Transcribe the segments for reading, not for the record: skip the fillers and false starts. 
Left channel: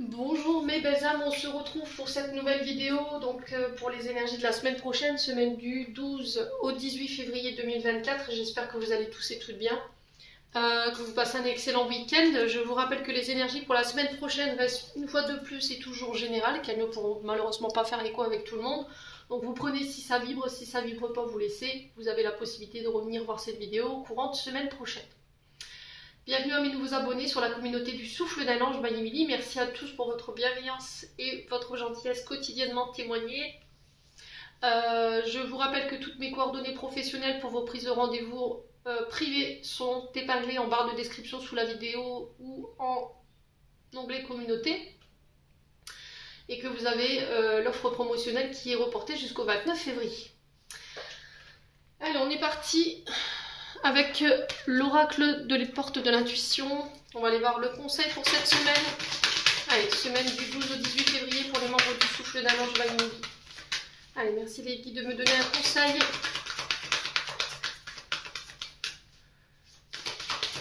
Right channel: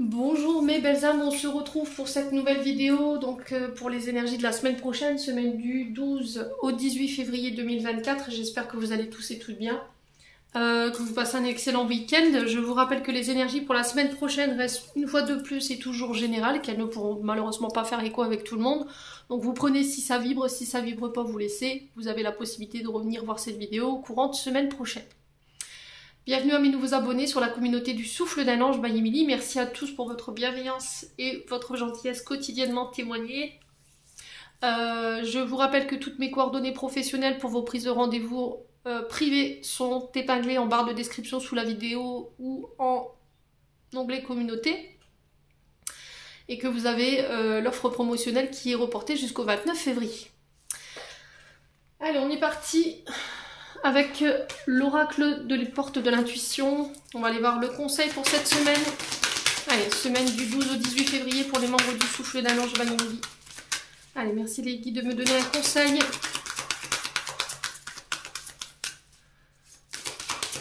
Bonjour mes belles âmes, on se retrouve pour cette nouvelle vidéo donc pour les énergies de la semaine prochaine, semaine du 12 au 18 février 2024. J'espère que vous allez tous et toutes bien, que vous passez un excellent week-end. Je vous rappelle que les énergies pour la semaine prochaine restent une fois de plus et toujours générales, qu'elles ne pourront malheureusement pas faire écho avec tout le monde. Donc vous prenez si ça vibre pas, vous laissez. Vous avez la possibilité de revenir voir cette vidéo courant de semaine prochaine. Bienvenue à mes nouveaux abonnés sur la communauté du Souffle d'un Ange by Emily. Merci à tous pour votre bienveillance et votre gentillesse quotidiennement témoignée. Je vous rappelle que toutes mes coordonnées professionnelles pour vos prises de rendez-vous privées sont épinglées en barre de description sous la vidéo ou en onglet communauté. Et que vous avez l'offre promotionnelle qui est reportée jusqu'au 29 février. Allez, on est parti avec l'oracle de les portes de l'intuition. On va aller voir le conseil pour cette semaine. Allez, semaine du 12 au 18 février pour les membres du Souffle d'un Ange by Emily. Allez, merci les guides de me donner un conseil.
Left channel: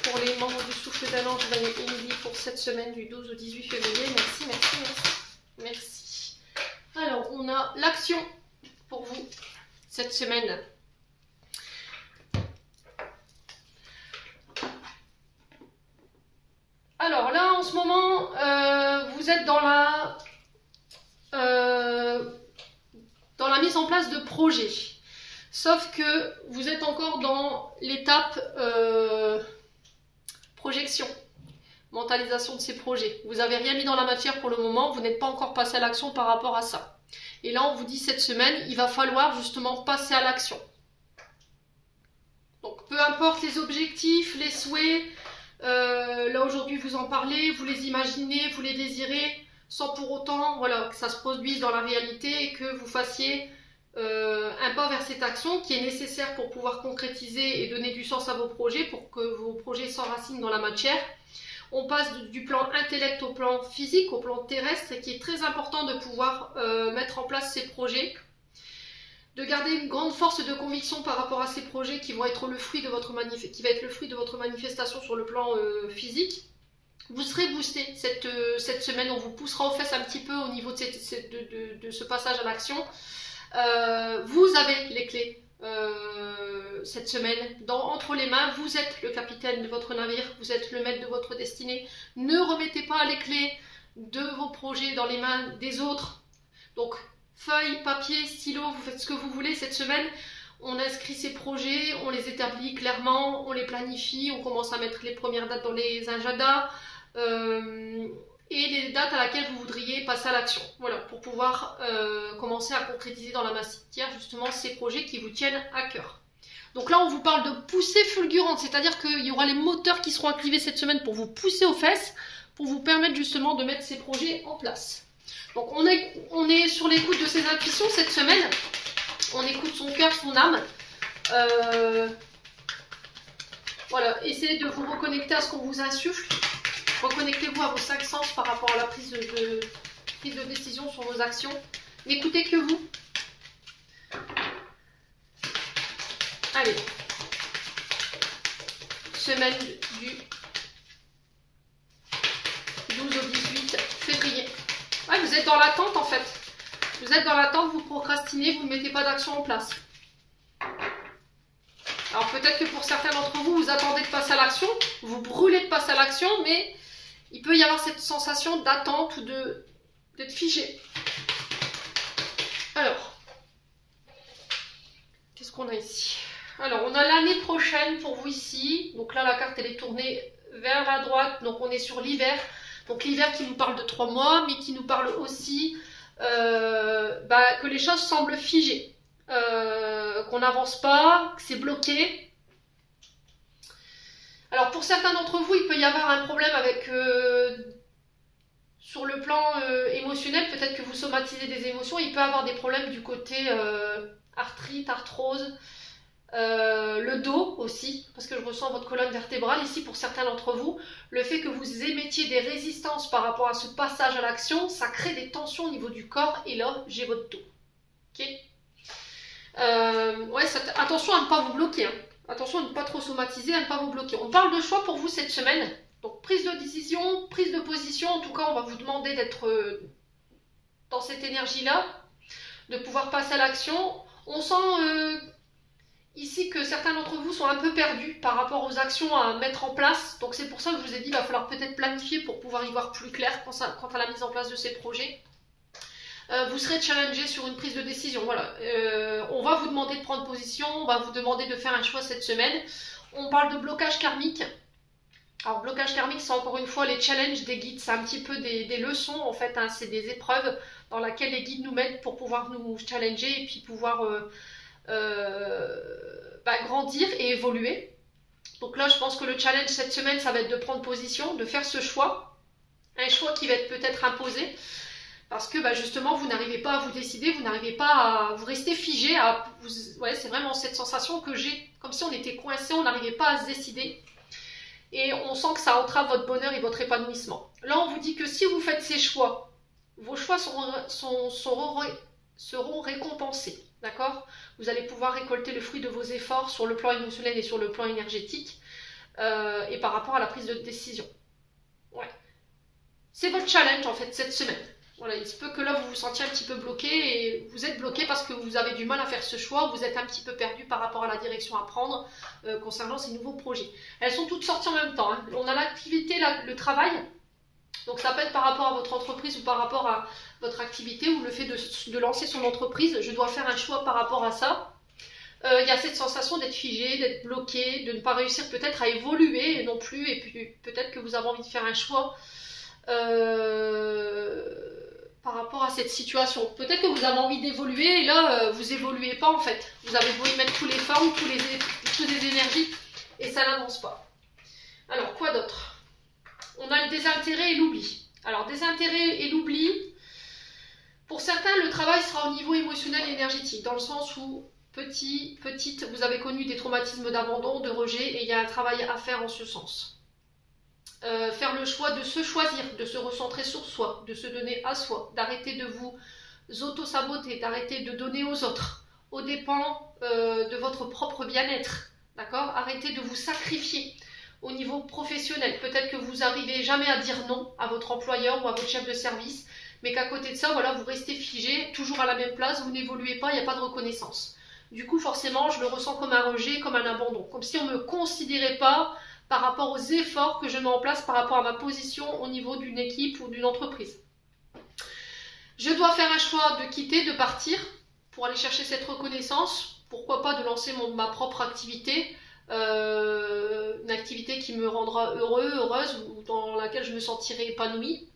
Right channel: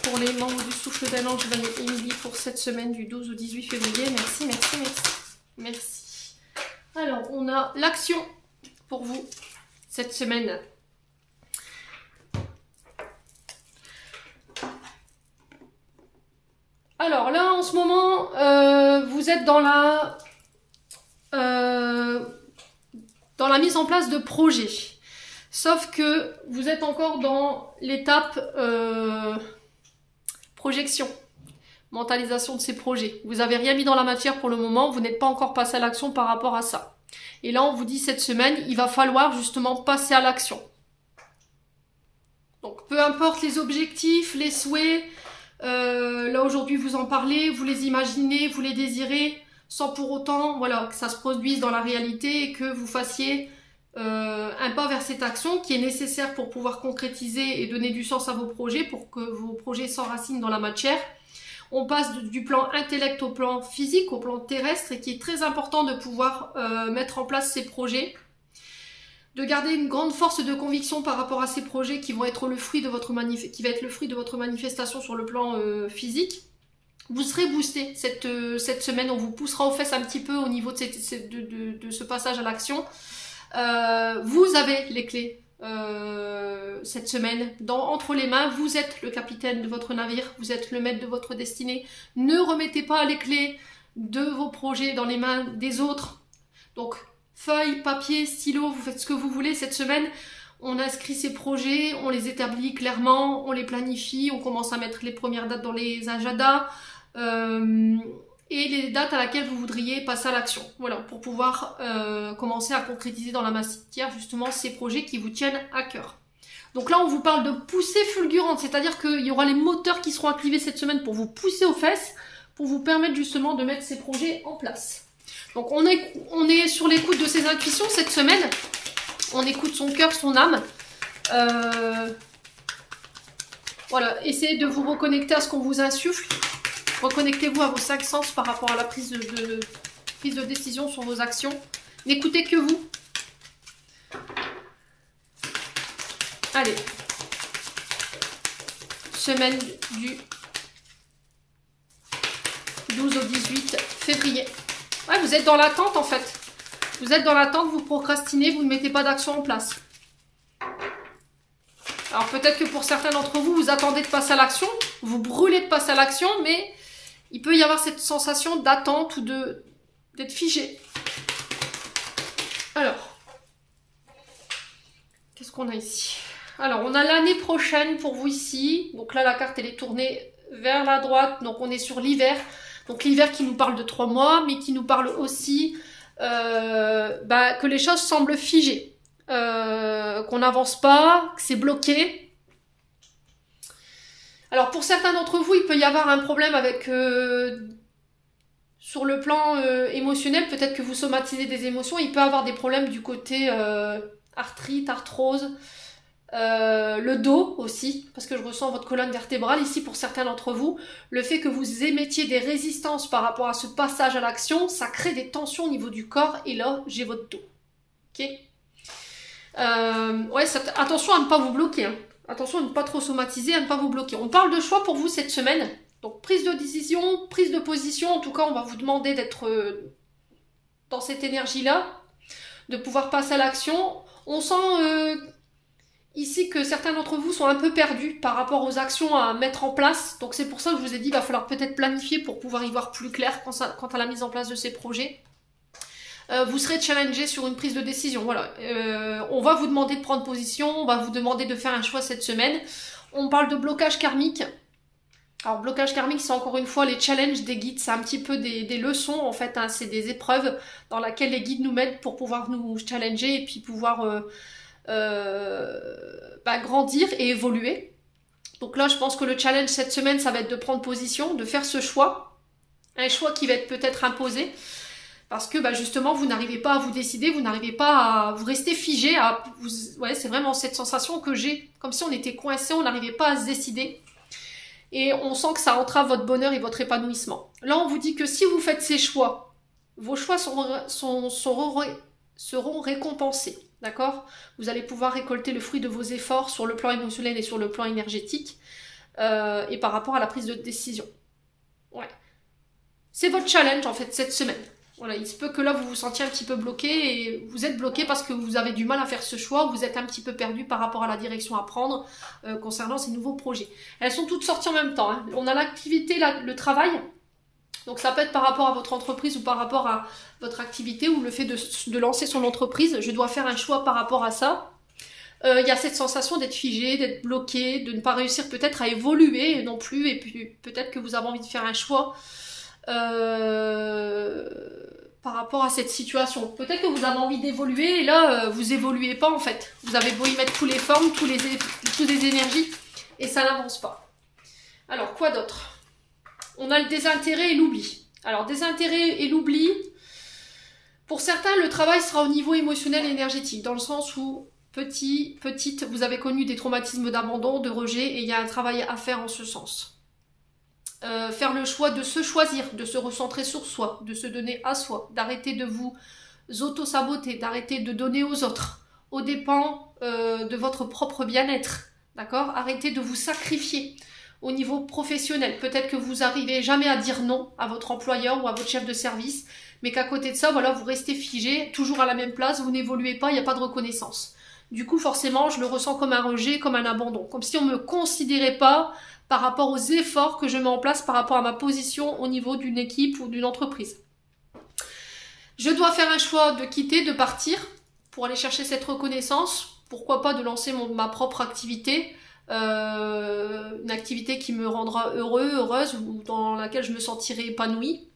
Pour les membres du Souffle d'un Ange by Emily pour cette semaine du 12 au 18 février. Merci, merci, merci. Merci. Alors, on a l'action pour vous cette semaine. Alors là, en ce moment, vous êtes dans la mise en place de projets. Sauf que vous êtes encore dans l'étape projection, mentalisation de ces projets. Vous n'avez rien mis dans la matière pour le moment, vous n'êtes pas encore passé à l'action par rapport à ça. Et là, on vous dit cette semaine, il va falloir justement passer à l'action. Donc, peu importe les objectifs, les souhaits, là aujourd'hui vous en parlez, vous les imaginez, vous les désirez, sans pour autant voilà, que ça se produise dans la réalité et que vous fassiez un pas vers cette action qui est nécessaire pour pouvoir concrétiser et donner du sens à vos projets, pour que vos projets s'enracinent dans la matière. On passe du plan intellect au plan physique, au plan terrestre, et qui est très important de pouvoir mettre en place ces projets, de garder une grande force de conviction par rapport à ces projets qui vont être le fruit de votre manifestation sur le plan physique. Vous serez boosté cette semaine, on vous poussera aux fesses un petit peu au niveau de ce passage à l'action. Vous avez les clés cette semaine entre les mains, vous êtes le capitaine de votre navire, vous êtes le maître de votre destinée. Ne remettez pas les clés de vos projets dans les mains des autres. Donc, feuille, papier, stylo, vous faites ce que vous voulez cette semaine. On inscrit ces projets, on les établit clairement, on les planifie, on commence à mettre les premières dates dans les agendas et les dates à laquelle vous voudriez passer à l'action. Voilà, pour pouvoir commencer à concrétiser dans la matière justement ces projets qui vous tiennent à cœur. Donc là, on vous parle de poussée fulgurante, c'est-à-dire qu'il y aura les moteurs qui seront activés cette semaine pour vous pousser aux fesses, pour vous permettre justement de mettre ces projets en place. Donc on est sur l'écoute de ses intuitions cette semaine, on écoute son cœur, son âme. Voilà, essayez de vous reconnecter à ce qu'on vous insuffle, reconnectez-vous à vos 5 sens par rapport à la prise de décision sur vos actions. N'écoutez que vous. Allez, semaine du 12 au 18 février. Ouais, vous êtes dans l'attente en fait. Vous êtes dans l'attente, vous procrastinez, vous ne mettez pas d'action en place. Alors peut-être que pour certains d'entre vous, vous attendez de passer à l'action, vous brûlez de passer à l'action, mais il peut y avoir cette sensation d'attente ou d'être figé. Alors, qu'est-ce qu'on a ici? Alors, on a l'année prochaine pour vous ici. Donc là, la carte, elle est tournée vers la droite, donc on est sur l'hiver. Donc l'hiver qui nous parle de 3 mois, mais qui nous parle aussi que les choses semblent figées, qu'on n'avance pas, que c'est bloqué. Alors pour certains d'entre vous, il peut y avoir un problème avec sur le plan émotionnel, peut-être que vous somatisez des émotions, il peut y avoir des problèmes du côté arthrite, arthrose, le dos aussi, parce que je ressens votre colonne vertébrale ici pour certains d'entre vous. Le fait que vous émettiez des résistances par rapport à ce passage à l'action, ça crée des tensions au niveau du corps, et là j'ai votre dos. Ok, ouais, attention à ne pas vous bloquer, hein. Attention à ne pas trop somatiser, à ne pas vous bloquer. On parle de choix pour vous cette semaine. Donc prise de décision, prise de position, en tout cas on va vous demander d'être dans cette énergie-là, de pouvoir passer à l'action. On sent ici que certains d'entre vous sont un peu perdus par rapport aux actions à mettre en place. Donc c'est pour ça que je vous ai dit qu'il va falloir peut-être planifier pour pouvoir y voir plus clair quant à la mise en place de ces projets. Vous serez challengé sur une prise de décision. Voilà. On va vous demander de prendre position, on va vous demander de faire un choix cette semaine. On parle de blocage karmique. Alors blocage karmique, c'est encore une fois les challenges des guides, c'est un petit peu des leçons en fait, hein, c'est des épreuves dans lesquelles les guides nous mettent pour pouvoir nous challenger et puis pouvoir grandir et évoluer. Donc là je pense que le challenge cette semaine ça va être de prendre position, de faire ce choix, un choix qui va être peut-être imposé, parce que justement vous n'arrivez pas à vous décider, vous n'arrivez pas à vous rester figé, ouais, c'est vraiment cette sensation que j'ai, comme si on était coincé, on n'arrivait pas à se décider. Et on sent que ça entrave votre bonheur et votre épanouissement. Là, on vous dit que si vous faites ces choix, vos choix seront récompensés. D'accord? Vous allez pouvoir récolter le fruit de vos efforts sur le plan émotionnel et sur le plan énergétique et par rapport à la prise de décision. Ouais. C'est votre challenge en fait cette semaine. Voilà, il se peut que là vous vous sentiez un petit peu bloqué et vous êtes bloqué parce que vous avez du mal à faire ce choix, vous êtes un petit peu perdu par rapport à la direction à prendre concernant ces nouveaux projets. Elles sont toutes sorties en même temps, hein. On a l'activité, le travail, donc ça peut être par rapport à votre entreprise ou par rapport à votre activité ou le fait de lancer son entreprise. Je dois faire un choix par rapport à ça. Il y a cette sensation d'être figé, d'être bloqué, de ne pas réussir peut-être à évoluer non plus, et puis peut-être que vous avez envie de faire un choix par rapport à cette situation. Peut-être que vous avez envie d'évoluer et là, vous évoluez pas en fait. Vous avez beau y mettre toutes les formes, toutes les énergies et ça n'avance pas. Alors, quoi d'autre? On a le désintérêt et l'oubli. Alors, désintérêt et l'oubli, pour certains, le travail sera au niveau émotionnel et énergétique, dans le sens où, petite, vous avez connu des traumatismes d'abandon, de rejet, et il y a un travail à faire en ce sens. Faire le choix de se choisir, de se recentrer sur soi, de se donner à soi, d'arrêter de vous auto-saboter, d'arrêter de donner aux autres, aux dépens de votre propre bien-être, d'accord? Arrêtez de vous sacrifier au niveau professionnel. Peut-être que vous n'arrivez jamais à dire non à votre employeur ou à votre chef de service, mais qu'à côté de ça, voilà, vous restez figé, toujours à la même place, vous n'évoluez pas, il n'y a pas de reconnaissance. Du coup, forcément, je le ressens comme un rejet, comme un abandon, comme si on ne me considérait pas par rapport aux efforts que je mets en place, par rapport à ma position au niveau d'une équipe ou d'une entreprise. Je dois faire un choix de quitter, de partir, pour aller chercher cette reconnaissance. Pourquoi pas de lancer ma propre activité, une activité qui me rendra heureuse, ou dans laquelle je me sentirai épanouie.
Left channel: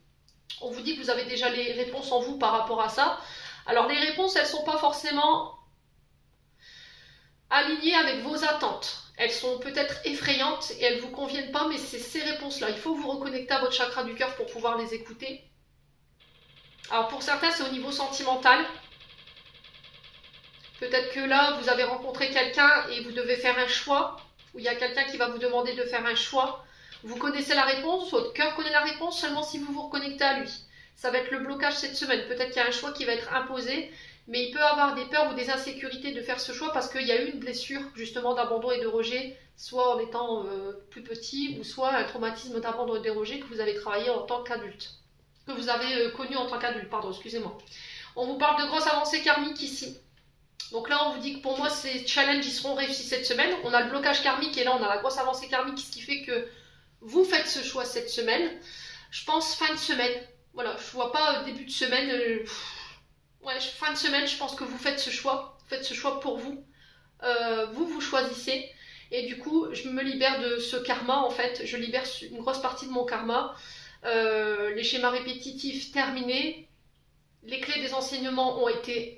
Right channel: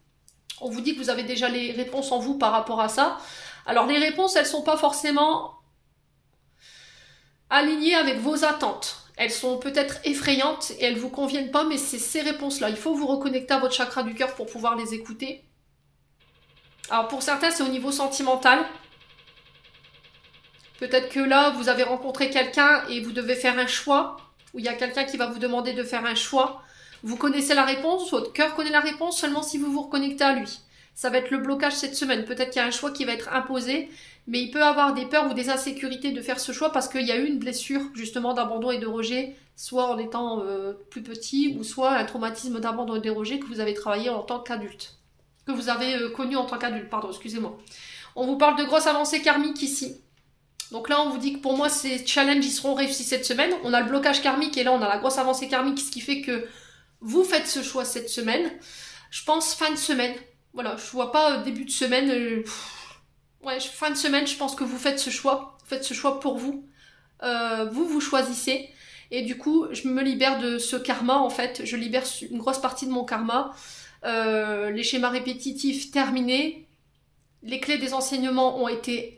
On vous dit que vous avez déjà les réponses en vous par rapport à ça. Alors les réponses, elles ne sont pas forcément alignées avec vos attentes. Elles sont peut-être effrayantes et elles ne vous conviennent pas, mais c'est ces réponses-là. Il faut vous reconnecter à votre chakra du cœur pour pouvoir les écouter. Alors pour certains, c'est au niveau sentimental. Peut-être que là, vous avez rencontré quelqu'un et vous devez faire un choix, ou il y a quelqu'un qui va vous demander de faire un choix. Vous connaissez la réponse, votre cœur connaît la réponse seulement si vous vous reconnectez à lui. Ça va être le blocage cette semaine. Peut-être qu'il y a un choix qui va être imposé, mais il peut avoir des peurs ou des insécurités de faire ce choix parce qu'il y a eu une blessure justement d'abandon et de rejet, soit en étant plus petit, ou soit un traumatisme d'abandon et de rejet que vous avez travaillé en tant qu'adulte. Que vous avez connu en tant qu'adulte, pardon, excusez-moi. On vous parle de grosses avancées karmiques ici. Donc là, on vous dit que pour moi, ces challenges, ils seront réussis cette semaine. On a le blocage karmique et là, on a la grosse avancée karmique, ce qui fait que vous faites ce choix cette semaine. Je pense fin de semaine. Voilà, je vois pas début de semaine. Ouais, fin de semaine, je pense que vous faites ce choix. Vous faites ce choix pour vous. Vous choisissez. Et du coup, je me libère de ce karma, en fait. Je libère une grosse partie de mon karma. Les schémas répétitifs terminés. Les clés des enseignements ont été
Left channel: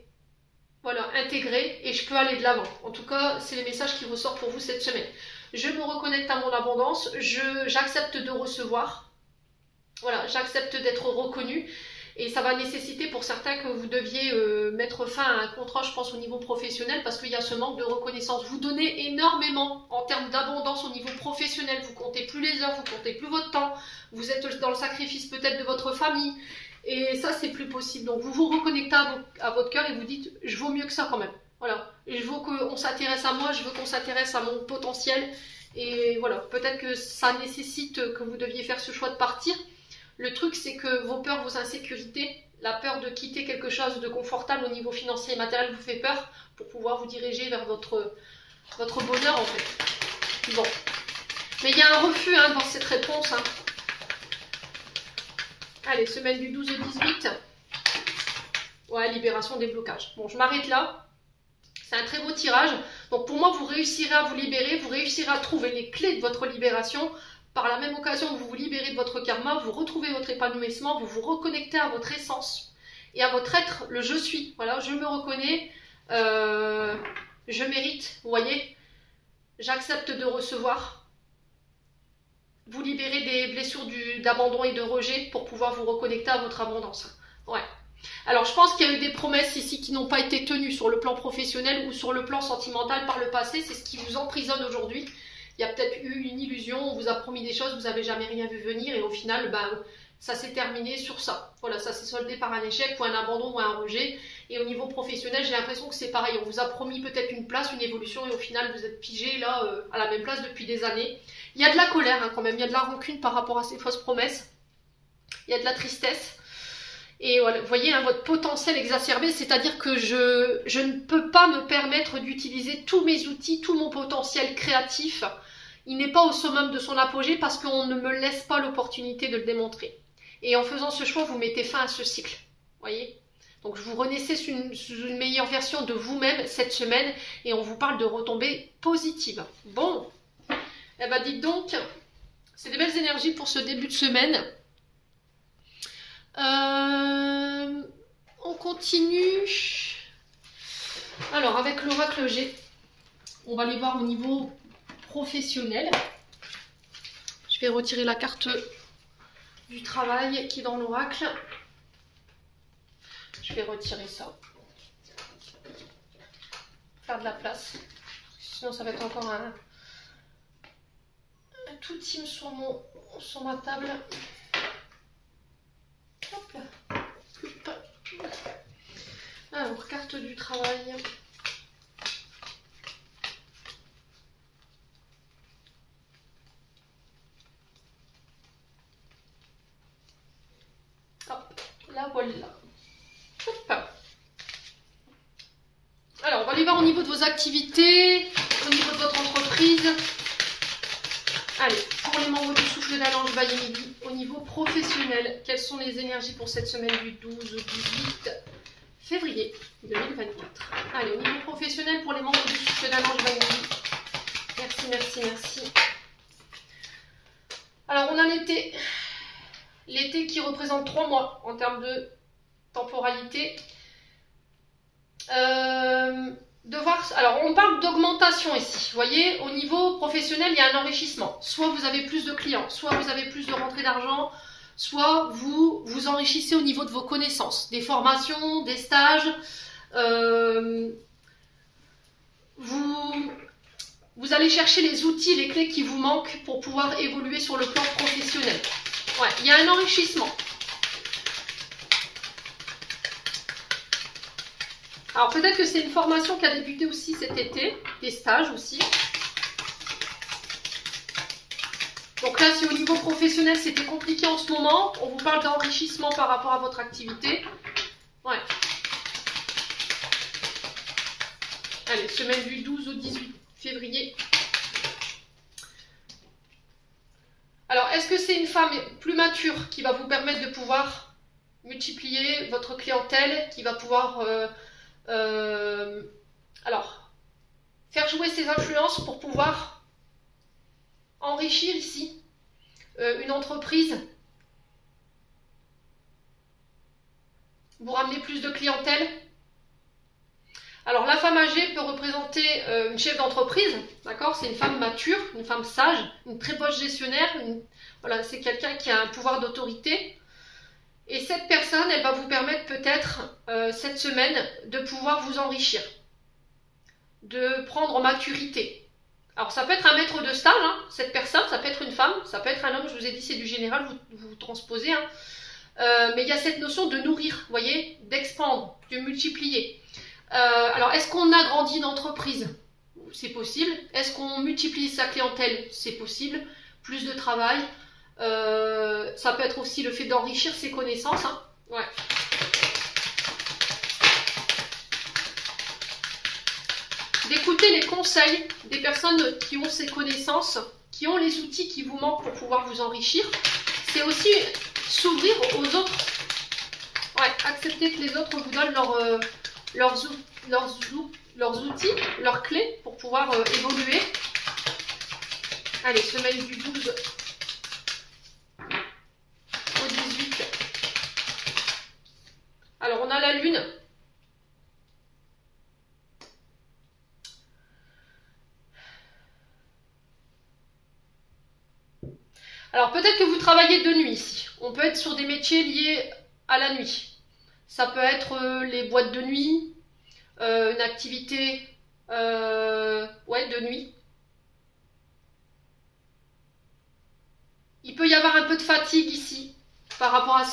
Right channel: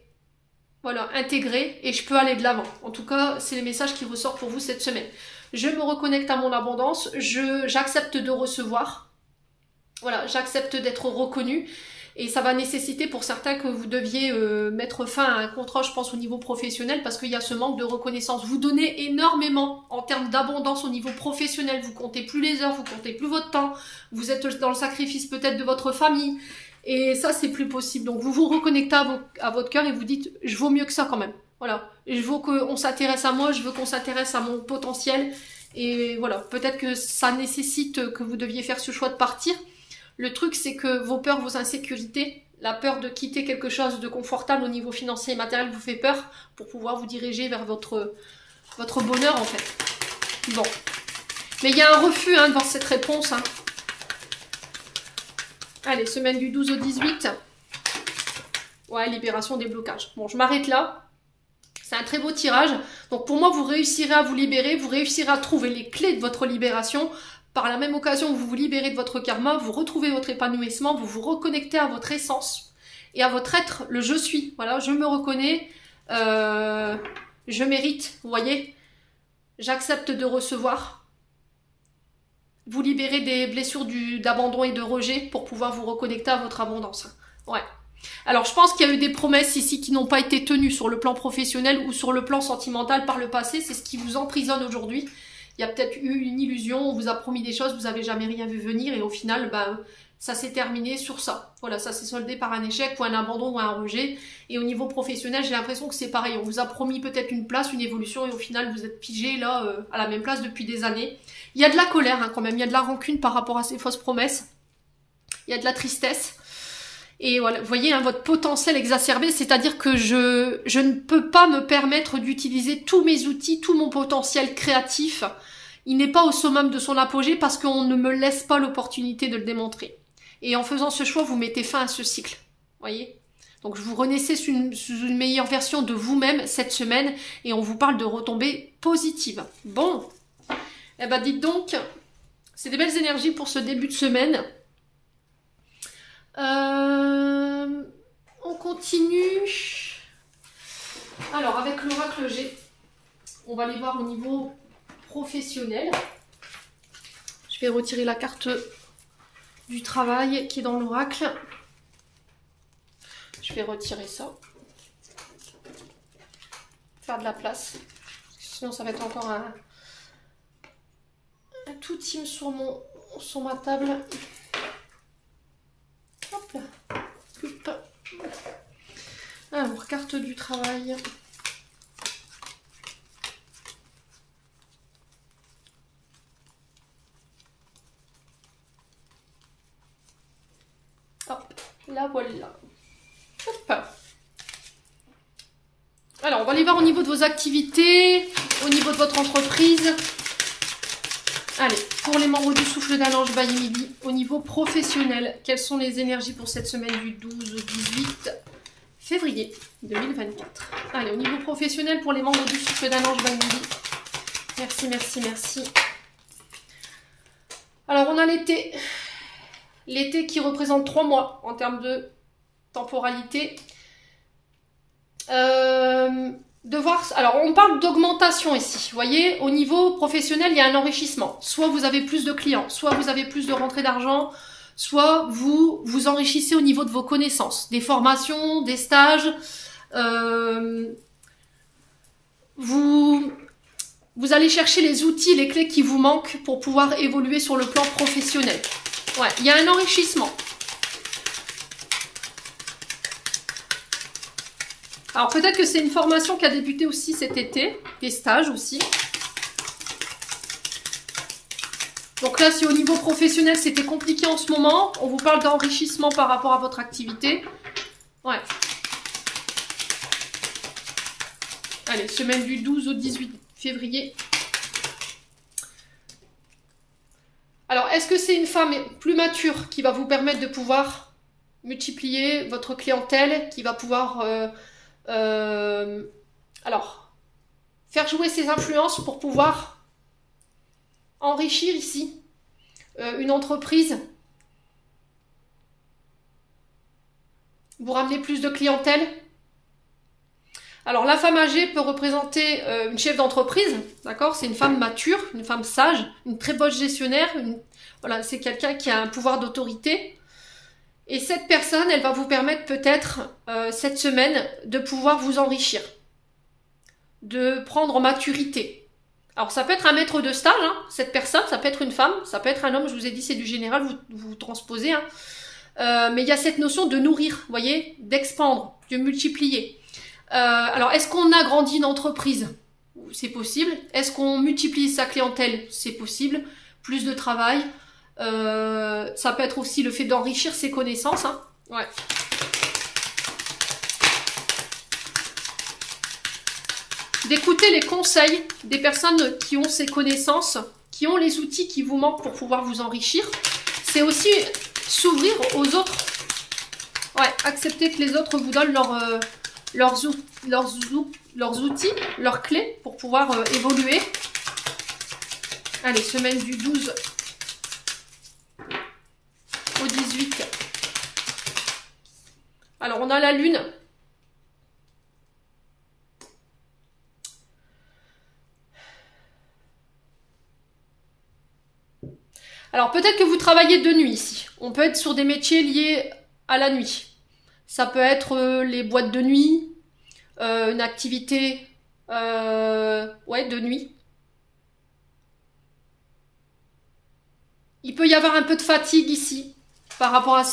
intégrées et je peux aller de l'avant. En tout cas, c'est les messages qui ressortent pour vous cette semaine. Je me reconnecte à mon abondance. J'accepte de recevoir. Voilà, j'accepte d'être reconnue. Et ça va nécessiter pour certains que vous deviez mettre fin à un contrat, je pense, au niveau professionnel, parce qu'il y a ce manque de reconnaissance. Vous donnez énormément en termes d'abondance au niveau professionnel. Vous comptez plus les heures, vous comptez plus votre temps. Vous êtes dans le sacrifice peut-être de votre famille. Et ça, c'est plus possible. Donc, vous vous reconnectez à votre cœur et vous dites, je vaux mieux que ça quand même. Voilà. Je veux qu'on s'intéresse à moi, je veux qu'on s'intéresse à mon potentiel. Et voilà, peut-être que ça nécessite que vous deviez faire ce choix de partir. Le truc, c'est que vos peurs, vos insécurités, la peur de quitter quelque chose de confortable au niveau financier et matériel vous fait peur pour pouvoir vous diriger vers votre bonheur, en fait. Bon. Mais il y a un refus devant cette réponse. Allez, semaine du 12 au 18. Ouais, libération des blocages. Bon, je m'arrête là. C'est un très beau tirage. Donc pour moi, vous réussirez à vous libérer, vous réussirez à trouver les clés de votre libération. Par la même occasion, vous vous libérez de votre karma, vous retrouvez votre épanouissement, vous vous reconnectez à votre essence et à votre être, le je suis. Voilà, je me reconnais, je mérite, vous voyez. J'accepte de recevoir. Vous libérez des blessures d'abandon et de rejet pour pouvoir vous reconnecter à votre abondance. Ouais. Alors, je pense qu'il y a eu des promesses ici qui n'ont pas été tenues sur le plan professionnel ou sur le plan sentimental par le passé. C'est ce qui vous emprisonne aujourd'hui. Il y a peut-être eu une illusion, on vous a promis des choses, vous n'avez jamais rien vu venir et au final, ça s'est terminé sur ça. Voilà, ça s'est soldé par un échec ou un abandon ou un rejet. Et au niveau professionnel, j'ai l'impression que c'est pareil. On vous a promis peut-être une place, une évolution et au final, vous êtes pigé là à la même place depuis des années. Il y a de la colère quand même, il y a de la rancune par rapport à ces fausses promesses. Il y a de la tristesse. Et voilà, vous voyez, votre potentiel exacerbé, c'est-à-dire que je ne peux pas me permettre d'utiliser tous mes outils, tout mon potentiel créatif. Il n'est pas au summum de son apogée parce qu'on ne me laisse pas l'opportunité de le démontrer. Et en faisant ce choix, vous mettez fin à ce cycle. Voyez ? Donc, je vous renaissez sous une meilleure version de vous-même cette semaine et on vous parle de retombées positives. Bon, eh ben dites donc, c'est des belles énergies pour ce début de semaine. On continue. Alors, avec l'oracle G, on va aller voir au niveau professionnel. Je vais retirer la carte du travail qui est dans l'oracle. Je vais retirer ça. Faire de la place. Sinon, ça va être encore un tout team sur ma table. Hop là. Hop. Alors, carte du travail. Hop, la voilà. Hop. Alors, on va aller voir au niveau de vos activités, au niveau de votre entreprise. Allez, pour les membres du souffle d'un ange Bailly Midi, au niveau professionnel, quelles sont les énergies pour cette semaine du 12 au 18 février 2024? Allez, au niveau professionnel, pour les membres du souffle d'un ange Bailly Midi. Merci, merci, merci. Alors, on a l'été. L'été qui représente 3 mois en termes de temporalité. Alors, on parle d'augmentation ici. Vous voyez, au niveau professionnel, il y a un enrichissement. Soit vous avez plus de clients, soit vous avez plus de rentrées d'argent, soit vous vous enrichissez au niveau de vos connaissances, des formations, des stages. Vous allez chercher les outils, les clés qui vous manquent pour pouvoir évoluer sur le plan professionnel. Ouais, il y a un enrichissement. Alors peut-être que c'est une formation qui a débuté aussi cet été, des stages aussi. Donc là, si au niveau professionnel, c'était compliqué en ce moment, on vous parle d'enrichissement par rapport à votre activité. Ouais. Allez, semaine du 12 au 18 février. Alors, est-ce que c'est une femme plus mature qui va vous permettre de pouvoir multiplier votre clientèle, qui va pouvoir faire jouer ses influences pour pouvoir enrichir ici une entreprise, vous ramener plus de clientèle? Alors la femme âgée peut représenter une chef d'entreprise, d'accord? C'est une femme mature, une femme sage, une très bonne gestionnaire. Voilà, c'est quelqu'un qui a un pouvoir d'autorité. Et cette personne, elle va vous permettre peut-être cette semaine de pouvoir vous enrichir, de prendre en maturité. Alors ça peut être un maître de stage, hein, cette personne, ça peut être une femme, ça peut être un homme, je vous ai dit c'est du général, vous transposez. Hein. Mais il y a cette notion de nourrir, vous voyez, d'expandre, de multiplier. Alors, est-ce qu'on agrandit une entreprise? c'est possible. Est-ce qu'on multiplie sa clientèle? C'est possible. Plus de travail. Ça peut être aussi le fait d'enrichir ses connaissances. Hein. Ouais. D'écouter les conseils des personnes qui ont ces connaissances, qui ont les outils qui vous manquent pour pouvoir vous enrichir. C'est aussi s'ouvrir aux autres. Ouais, accepter que les autres vous donnent leurs outils, leurs clés pour pouvoir évoluer. Allez, semaine du 12 au 18. Alors, on a la lune. Alors, peut-être que vous travaillez de nuit ici. On peut être sur des métiers liés à la nuit. Ça peut être les boîtes de nuit, une activité ouais, de nuit. Il peut y avoir un peu de fatigue ici par rapport à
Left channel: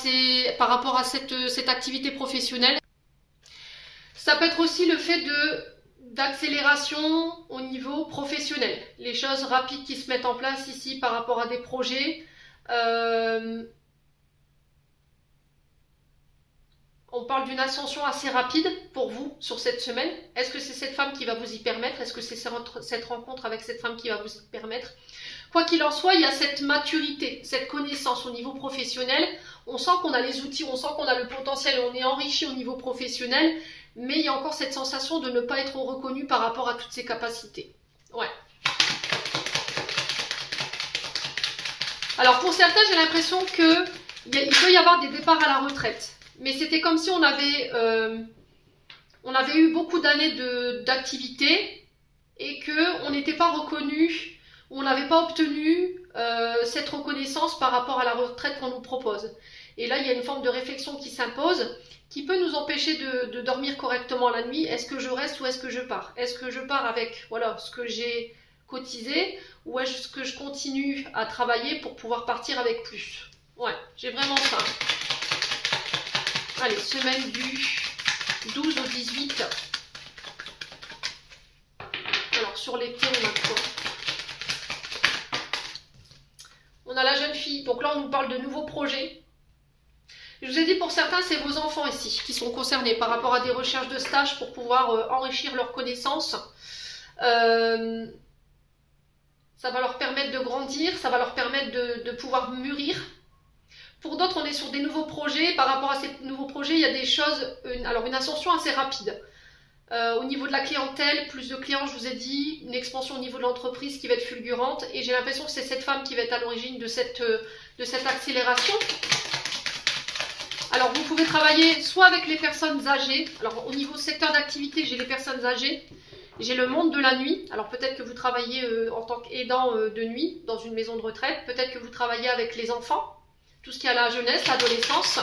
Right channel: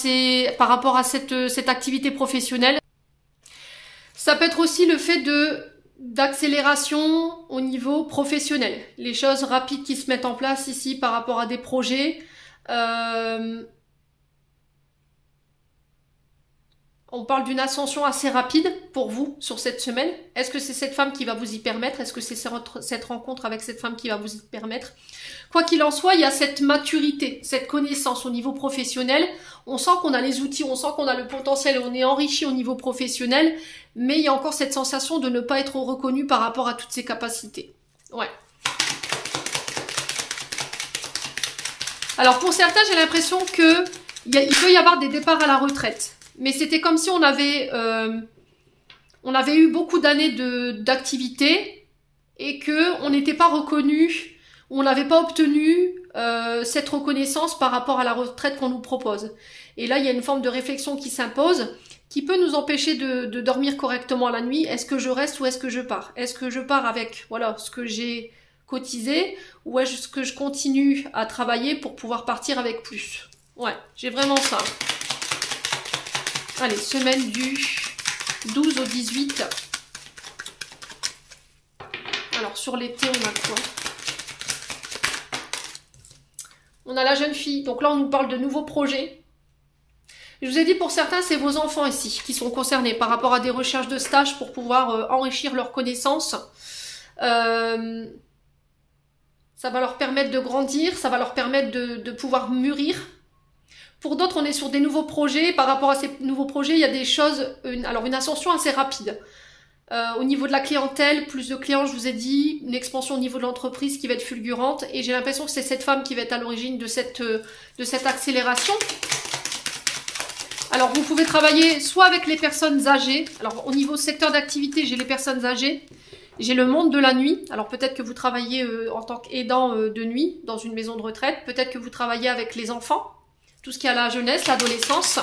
cette activité professionnelle. Ça peut être aussi le fait d'accélération au niveau professionnel. Les choses rapides qui se mettent en place ici par rapport à des projets. On parle d'une ascension assez rapide pour vous sur cette semaine. Est-ce que c'est cette femme qui va vous y permettre? Est-ce que c'est cette rencontre avec cette femme qui va vous y permettre? Quoi qu'il en soit, il y a cette maturité, cette connaissance au niveau professionnel. On sent qu'on a les outils, on sent qu'on a le potentiel, on est enrichi au niveau professionnel, mais il y a encore cette sensation de ne pas être reconnu par rapport à toutes ses capacités. Ouais. Alors pour certains, j'ai l'impression qu'il peut y avoir des départs à la retraite. Mais c'était comme si on avait eu beaucoup d'années d'activité et qu'on n'était pas reconnu, on n'avait pas obtenu cette reconnaissance par rapport à la retraite qu'on nous propose. Et là, il y a une forme de réflexion qui s'impose, qui peut nous empêcher de dormir correctement la nuit. Est-ce que je reste ou est-ce que je pars? Est-ce que je pars avec voilà, ce que j'ai cotisé ou est-ce que je continue à travailler pour pouvoir partir avec plus? Ouais, j'ai vraiment ça. Allez, semaine du 12 au 18. Alors, sur l'été, on a quoi? On a la jeune fille. Donc là, on nous parle de nouveaux projets. Je vous ai dit, pour certains, c'est vos enfants ici qui sont concernés par rapport à des recherches de stage pour pouvoir enrichir leurs connaissances. Ça va leur permettre de grandir, ça va leur permettre de pouvoir mûrir. Pour d'autres, on est sur des nouveaux projets. Par rapport à ces nouveaux projets, il y a des choses, une ascension assez rapide. Au niveau de la clientèle, plus de clients, je vous ai dit, une expansion au niveau de l'entreprise qui va être fulgurante. Et j'ai l'impression que c'est cette femme qui va être à l'origine de cette accélération. Alors, vous pouvez travailler soit avec les personnes âgées. Alors, au niveau secteur d'activité, j'ai les personnes âgées. J'ai le monde de la nuit. Alors, peut-être que vous travaillez en tant qu'aidant de nuit dans une maison de retraite. Peut-être que vous travaillez avec les enfants. Tout ce qui est à la jeunesse, l'adolescence.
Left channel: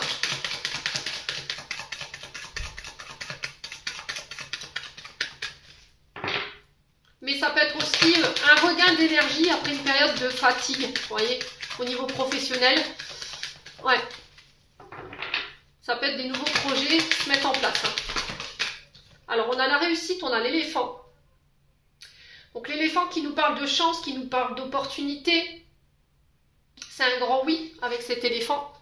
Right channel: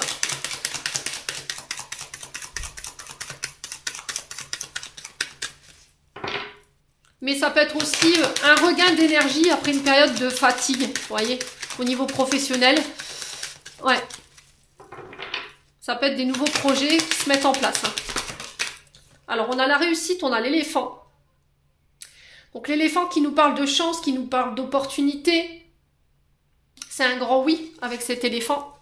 Mais ça peut être aussi un regain d'énergie après une période de fatigue, vous voyez, au niveau professionnel. Ouais. Ça peut être des nouveaux projets qui se mettent en place. Alors, on a la réussite, on a l'éléphant. Donc, l'éléphant qui nous parle de chance, qui nous parle d'opportunité. C'est un grand oui avec cet éléphant.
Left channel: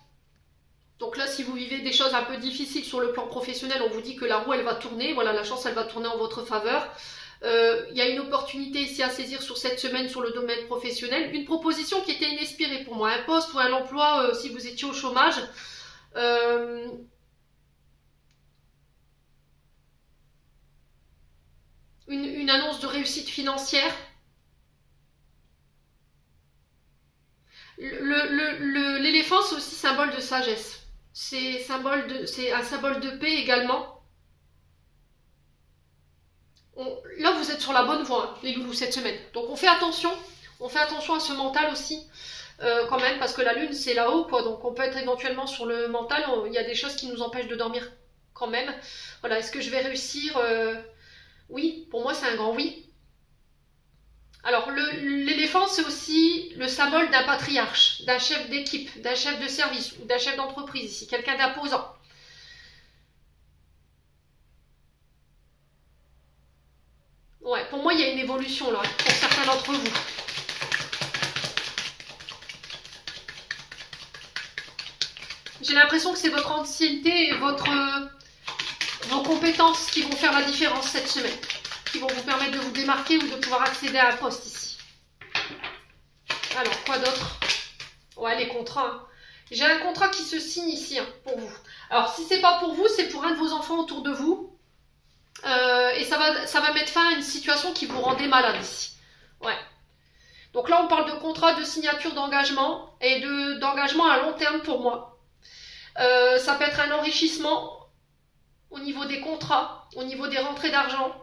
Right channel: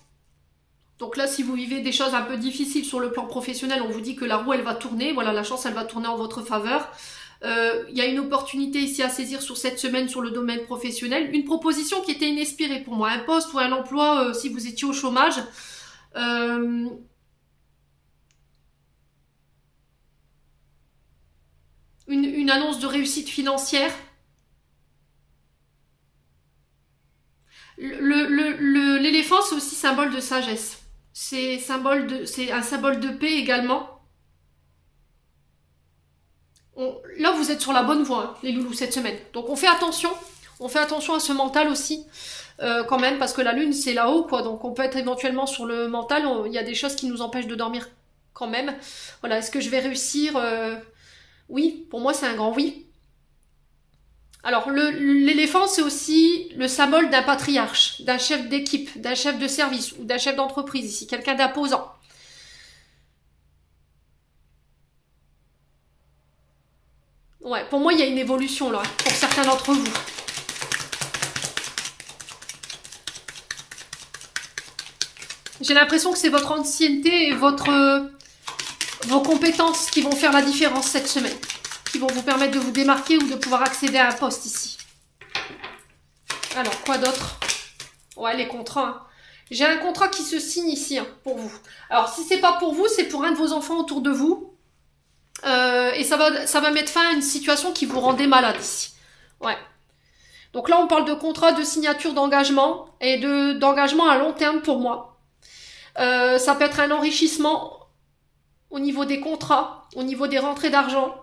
Donc là, si vous vivez des choses un peu difficiles sur le plan professionnel, on vous dit que la roue, elle va tourner. Voilà, la chance, elle va tourner en votre faveur. Il y a une opportunité ici à saisir sur cette semaine sur le domaine professionnel. Une proposition qui était inespérée pour moi. Un poste ou un emploi si vous étiez au chômage. Une annonce de réussite financière. L'éléphant, c'est aussi symbole de sagesse. C'est un symbole de paix également. Là, vous êtes sur la bonne voie, hein, les loulous, cette semaine. Donc, on fait attention. On fait attention à ce mental aussi, quand même, parce que la lune, c'est là-haut, quoi. Donc, on peut être éventuellement sur le mental. Il y a des choses qui nous empêchent de dormir quand même. Voilà, est-ce que je vais réussir? Oui, pour moi, c'est un grand oui. Alors, l'éléphant, c'est aussi le symbole d'un patriarche, d'un chef d'équipe, d'un chef de service ou d'un chef d'entreprise ici, quelqu'un d'imposant. Ouais, pour moi, il y a une évolution là, pour certains d'entre vous. J'ai l'impression que c'est votre ancienneté et vos compétences qui vont faire la différence cette semaine. Qui vont vous permettre de vous démarquer ou de pouvoir accéder à un poste ici. Alors, quoi d'autre? Ouais, les contrats. Hein. J'ai un contrat qui se signe ici hein, pour vous. Alors, si c'est pas pour vous, c'est pour un de vos enfants autour de vous. Et ça va mettre fin à une situation qui vous rendait malade ici. Ouais. Donc là, on parle de contrat, de signature d'engagement et d'engagement à long terme pour moi. Ça peut être un enrichissement au niveau des contrats, au niveau des rentrées d'argent,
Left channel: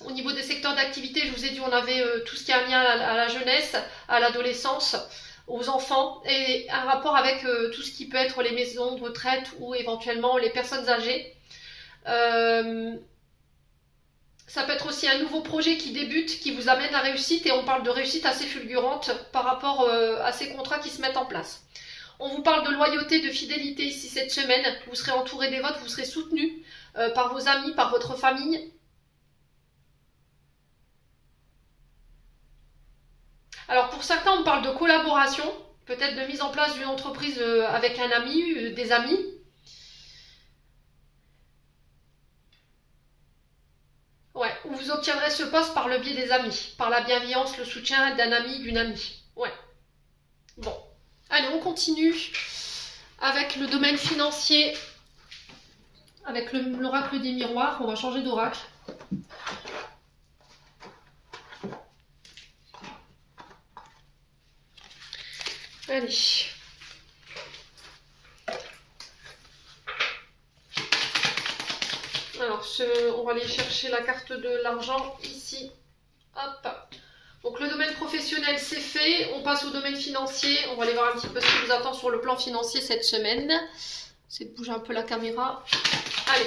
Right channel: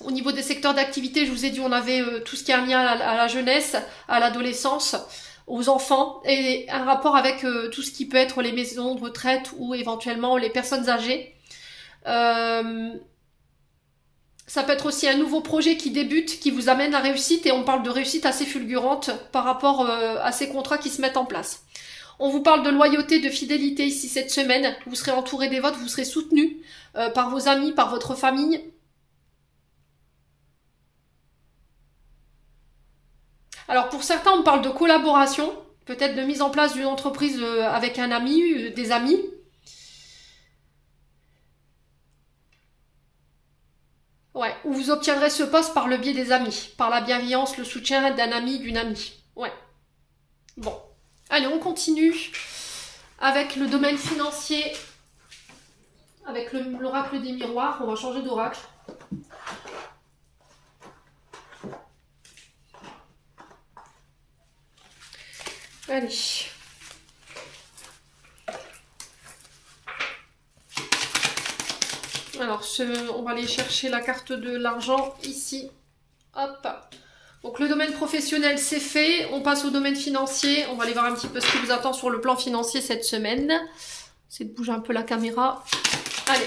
au niveau des secteurs d'activité. Je vous ai dit, on avait tout ce qui est lié à la jeunesse, à l'adolescence, aux enfants et un rapport avec tout ce qui peut être les maisons de retraite ou éventuellement les personnes âgées. Ça peut être aussi un nouveau projet qui débute, qui vous amène à réussite, et on parle de réussite assez fulgurante par rapport à ces contrats qui se mettent en place. On vous parle de loyauté, de fidélité ici cette semaine. Vous serez entouré des vôtres, vous serez soutenu par vos amis, par votre famille. Alors pour certains, on parle de collaboration, peut-être de mise en place d'une entreprise avec un ami, des amis. Ouais, où vous obtiendrez ce poste par le biais des amis, par la bienveillance, le soutien d'un ami, d'une amie. Ouais. Bon. Allez, on continue avec le domaine financier, avec l'oracle des miroirs. On va changer d'oracle. Allez. Alors, on va aller chercher la carte de l'argent ici. Hop. Donc, le domaine professionnel, c'est fait. On passe au domaine financier. On va aller voir un petit peu ce qui vous attend sur le plan financier cette semaine. C'est de bouger un peu la caméra. Allez,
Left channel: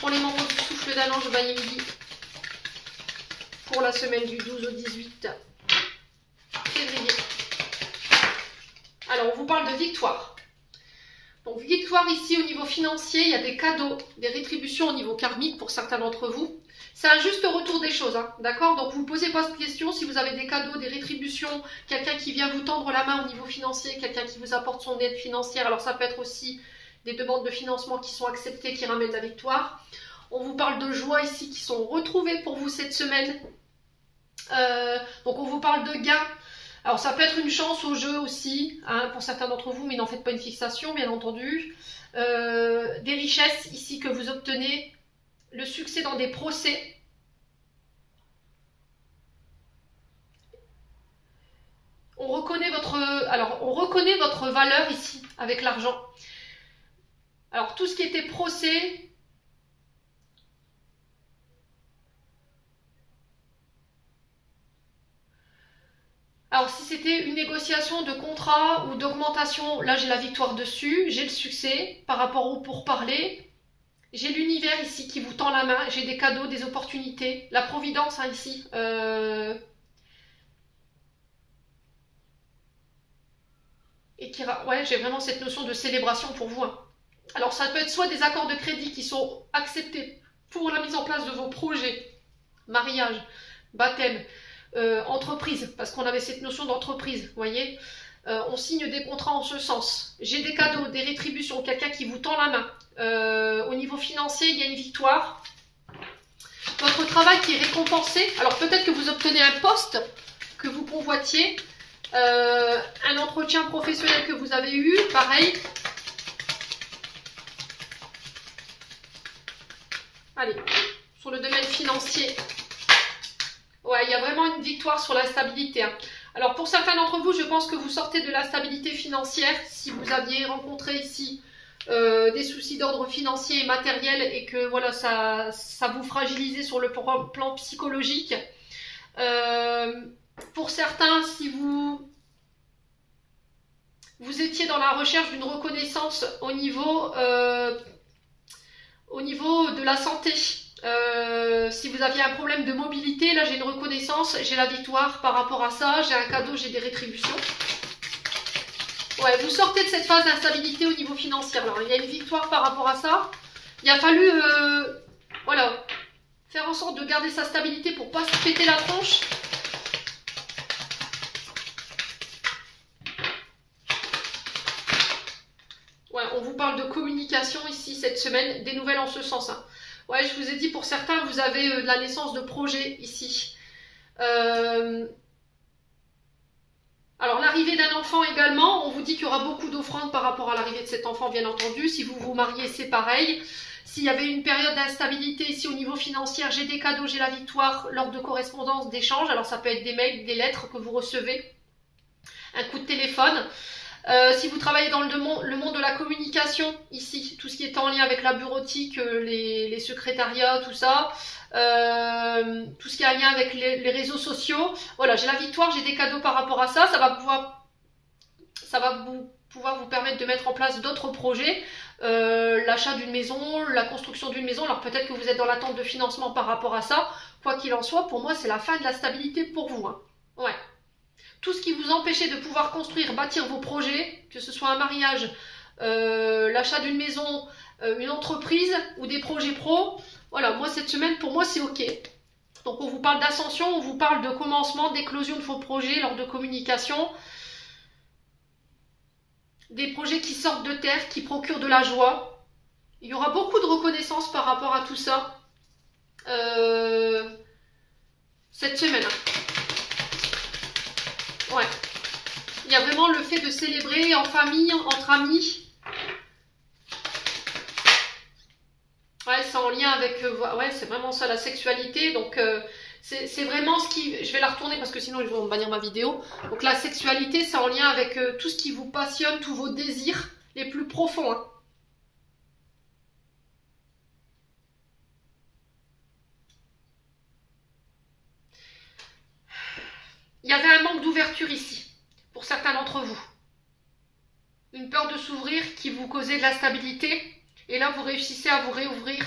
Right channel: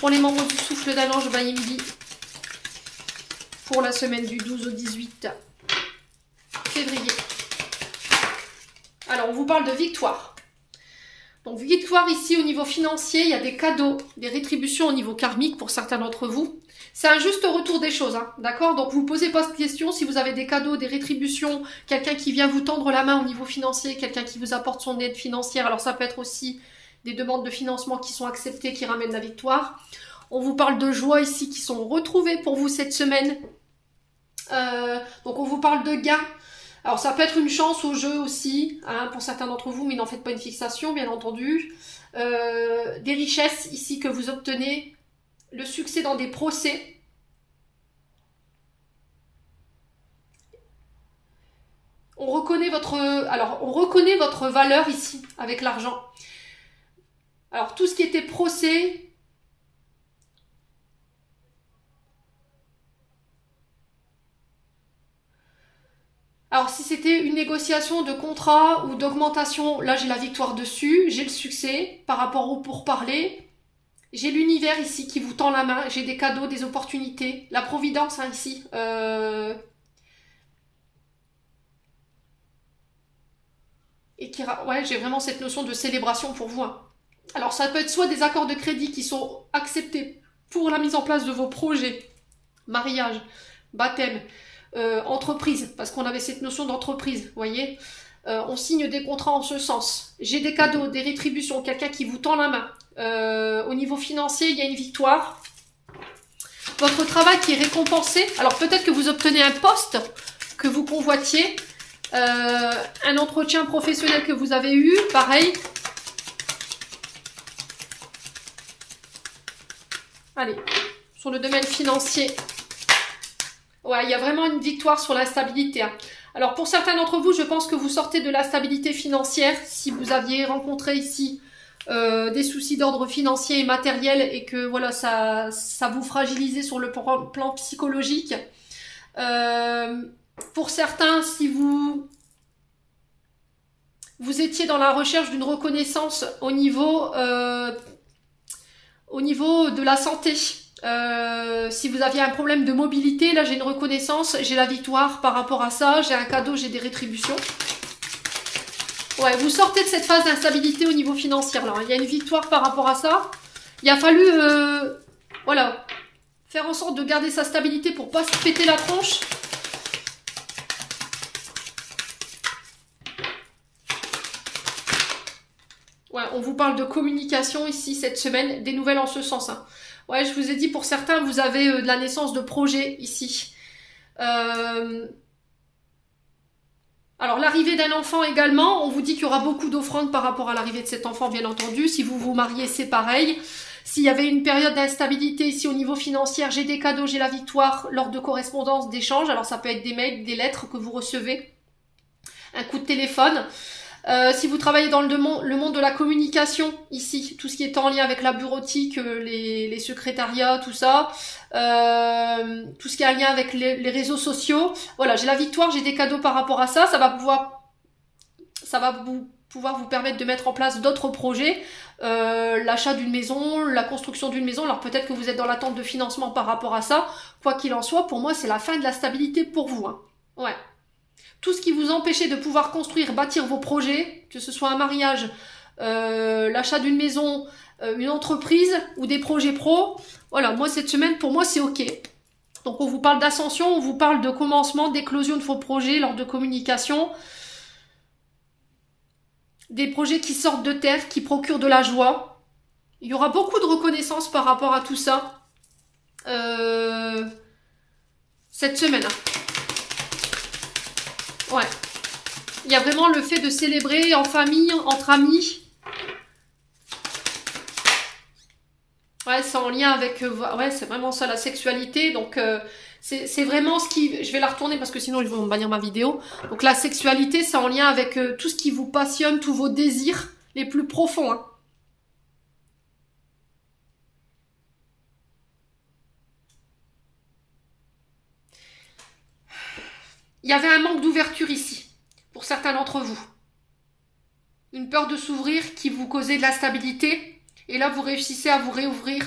pour les moments du souffle d'un ange, midi. Pour la semaine du 12 au 18 février. Alors, on vous parle de victoire. Donc, victoire ici au niveau financier, il y a des cadeaux, des rétributions au niveau karmique pour certains d'entre vous. C'est un juste retour des choses, hein, d'accord? Donc, vous ne posez pas de questions si vous avez des cadeaux, des rétributions, quelqu'un qui vient vous tendre la main au niveau financier, quelqu'un qui vous apporte son aide financière. Alors, ça peut être aussi des demandes de financement qui sont acceptées, qui ramènent la victoire. On vous parle de joie ici qui sont retrouvées pour vous cette semaine. Donc, on vous parle de gains. Alors, ça peut être une chance au jeu aussi, hein, pour certains d'entre vous, mais n'en faites pas une fixation, bien entendu. Des richesses ici que vous obtenez, le succès dans des procès. On reconnaît votre valeur ici, avec l'argent. Alors, tout ce qui était procès... Alors, si c'était une négociation de contrat ou d'augmentation, là, j'ai la victoire dessus, j'ai le succès par rapport au pourparler. J'ai l'univers ici qui vous tend la main, j'ai des cadeaux, des opportunités, la providence hein, ici. Ouais, j'ai vraiment cette notion de célébration pour vous. Hein. Alors, ça peut être soit des accords de crédit qui sont acceptés pour la mise en place de vos projets, mariage, baptême, entreprise, parce qu'on avait cette notion d'entreprise, vous voyez. On signe des contrats en ce sens. J'ai des cadeaux, des rétributions, quelqu'un qui vous tend la main. Au niveau financier, il y a une victoire. Votre travail qui est récompensé. Alors peut-être que vous obtenez un poste que vous convoitiez. Un entretien professionnel que vous avez eu, pareil. Allez, sur le domaine financier. Ouais, il y a vraiment une victoire sur l'instabilité. Hein. Alors, pour certains d'entre vous, je pense que vous sortez de la stabilité financière. Si vous aviez rencontré ici des soucis d'ordre financier et matériel et que voilà, ça vous fragilisait sur le plan psychologique. Pour certains, si vous étiez dans la recherche d'une reconnaissance au niveau de la santé, si vous aviez un problème de mobilité, là j'ai une reconnaissance, j'ai la victoire par rapport à ça, j'ai un cadeau, j'ai des rétributions. Ouais, vous sortez de cette phase d'instabilité au niveau financier. Alors, il y a une victoire par rapport à ça. Il a fallu, voilà, Faire en sorte de garder sa stabilité pour pas se péter la tronche. Ouais, on vous parle de communication ici cette semaine, des nouvelles en ce sens. Hein. Ouais, je vous ai dit, pour certains, vous avez de la naissance de projets ici. Alors, l'arrivée d'un enfant également, on vous dit qu'il y aura beaucoup d'offrandes par rapport à l'arrivée de cet enfant, bien entendu. Si vous vous mariez, c'est pareil. S'il y avait une période d'instabilité ici au niveau financier, j'ai des cadeaux, j'ai la victoire lors de correspondances, d'échanges. Alors, ça peut être des mails, des lettres que vous recevez, un coup de téléphone. Si vous travaillez dans le monde de la communication, ici, tout ce qui est en lien avec la bureautique, les secrétariats, tout ça, tout ce qui est en lien avec les réseaux sociaux, voilà, j'ai la victoire, j'ai des cadeaux par rapport à ça, ça va pouvoir vous permettre de mettre en place d'autres projets, l'achat d'une maison, la construction d'une maison, alors peut-être que vous êtes dans l'attente de financement par rapport à ça, quoi qu'il en soit, pour moi c'est la fin de la stabilité pour vous, hein. Ouais. Tout ce qui vous empêchait de pouvoir construire, bâtir vos projets, que ce soit un mariage, l'achat d'une maison, une entreprise ou des projets pro, voilà, moi cette semaine, pour moi c'est ok. Donc on vous parle d'ascension, on vous parle de commencement, d'éclosion de vos projets lors de communication. Des projets qui sortent de terre, qui procurent de la joie. Il y aura beaucoup de reconnaissance par rapport à tout ça cette semaine. Ouais. Il y a vraiment le fait de célébrer en famille, entre amis. Ouais, c'est en lien avec... ouais, c'est vraiment ça, la sexualité. Donc, c'est vraiment ce qui... Je vais la retourner parce que sinon, ils vont me bannir ma vidéo. Donc, la sexualité, c'est en lien avec tout ce qui vous passionne, tous vos désirs les plus profonds. Hein. Il y avait un manque d'ouverture ici, pour certains d'entre vous. Une peur de s'ouvrir qui vous causait de l'instabilité. Et là, vous réussissez à vous réouvrir.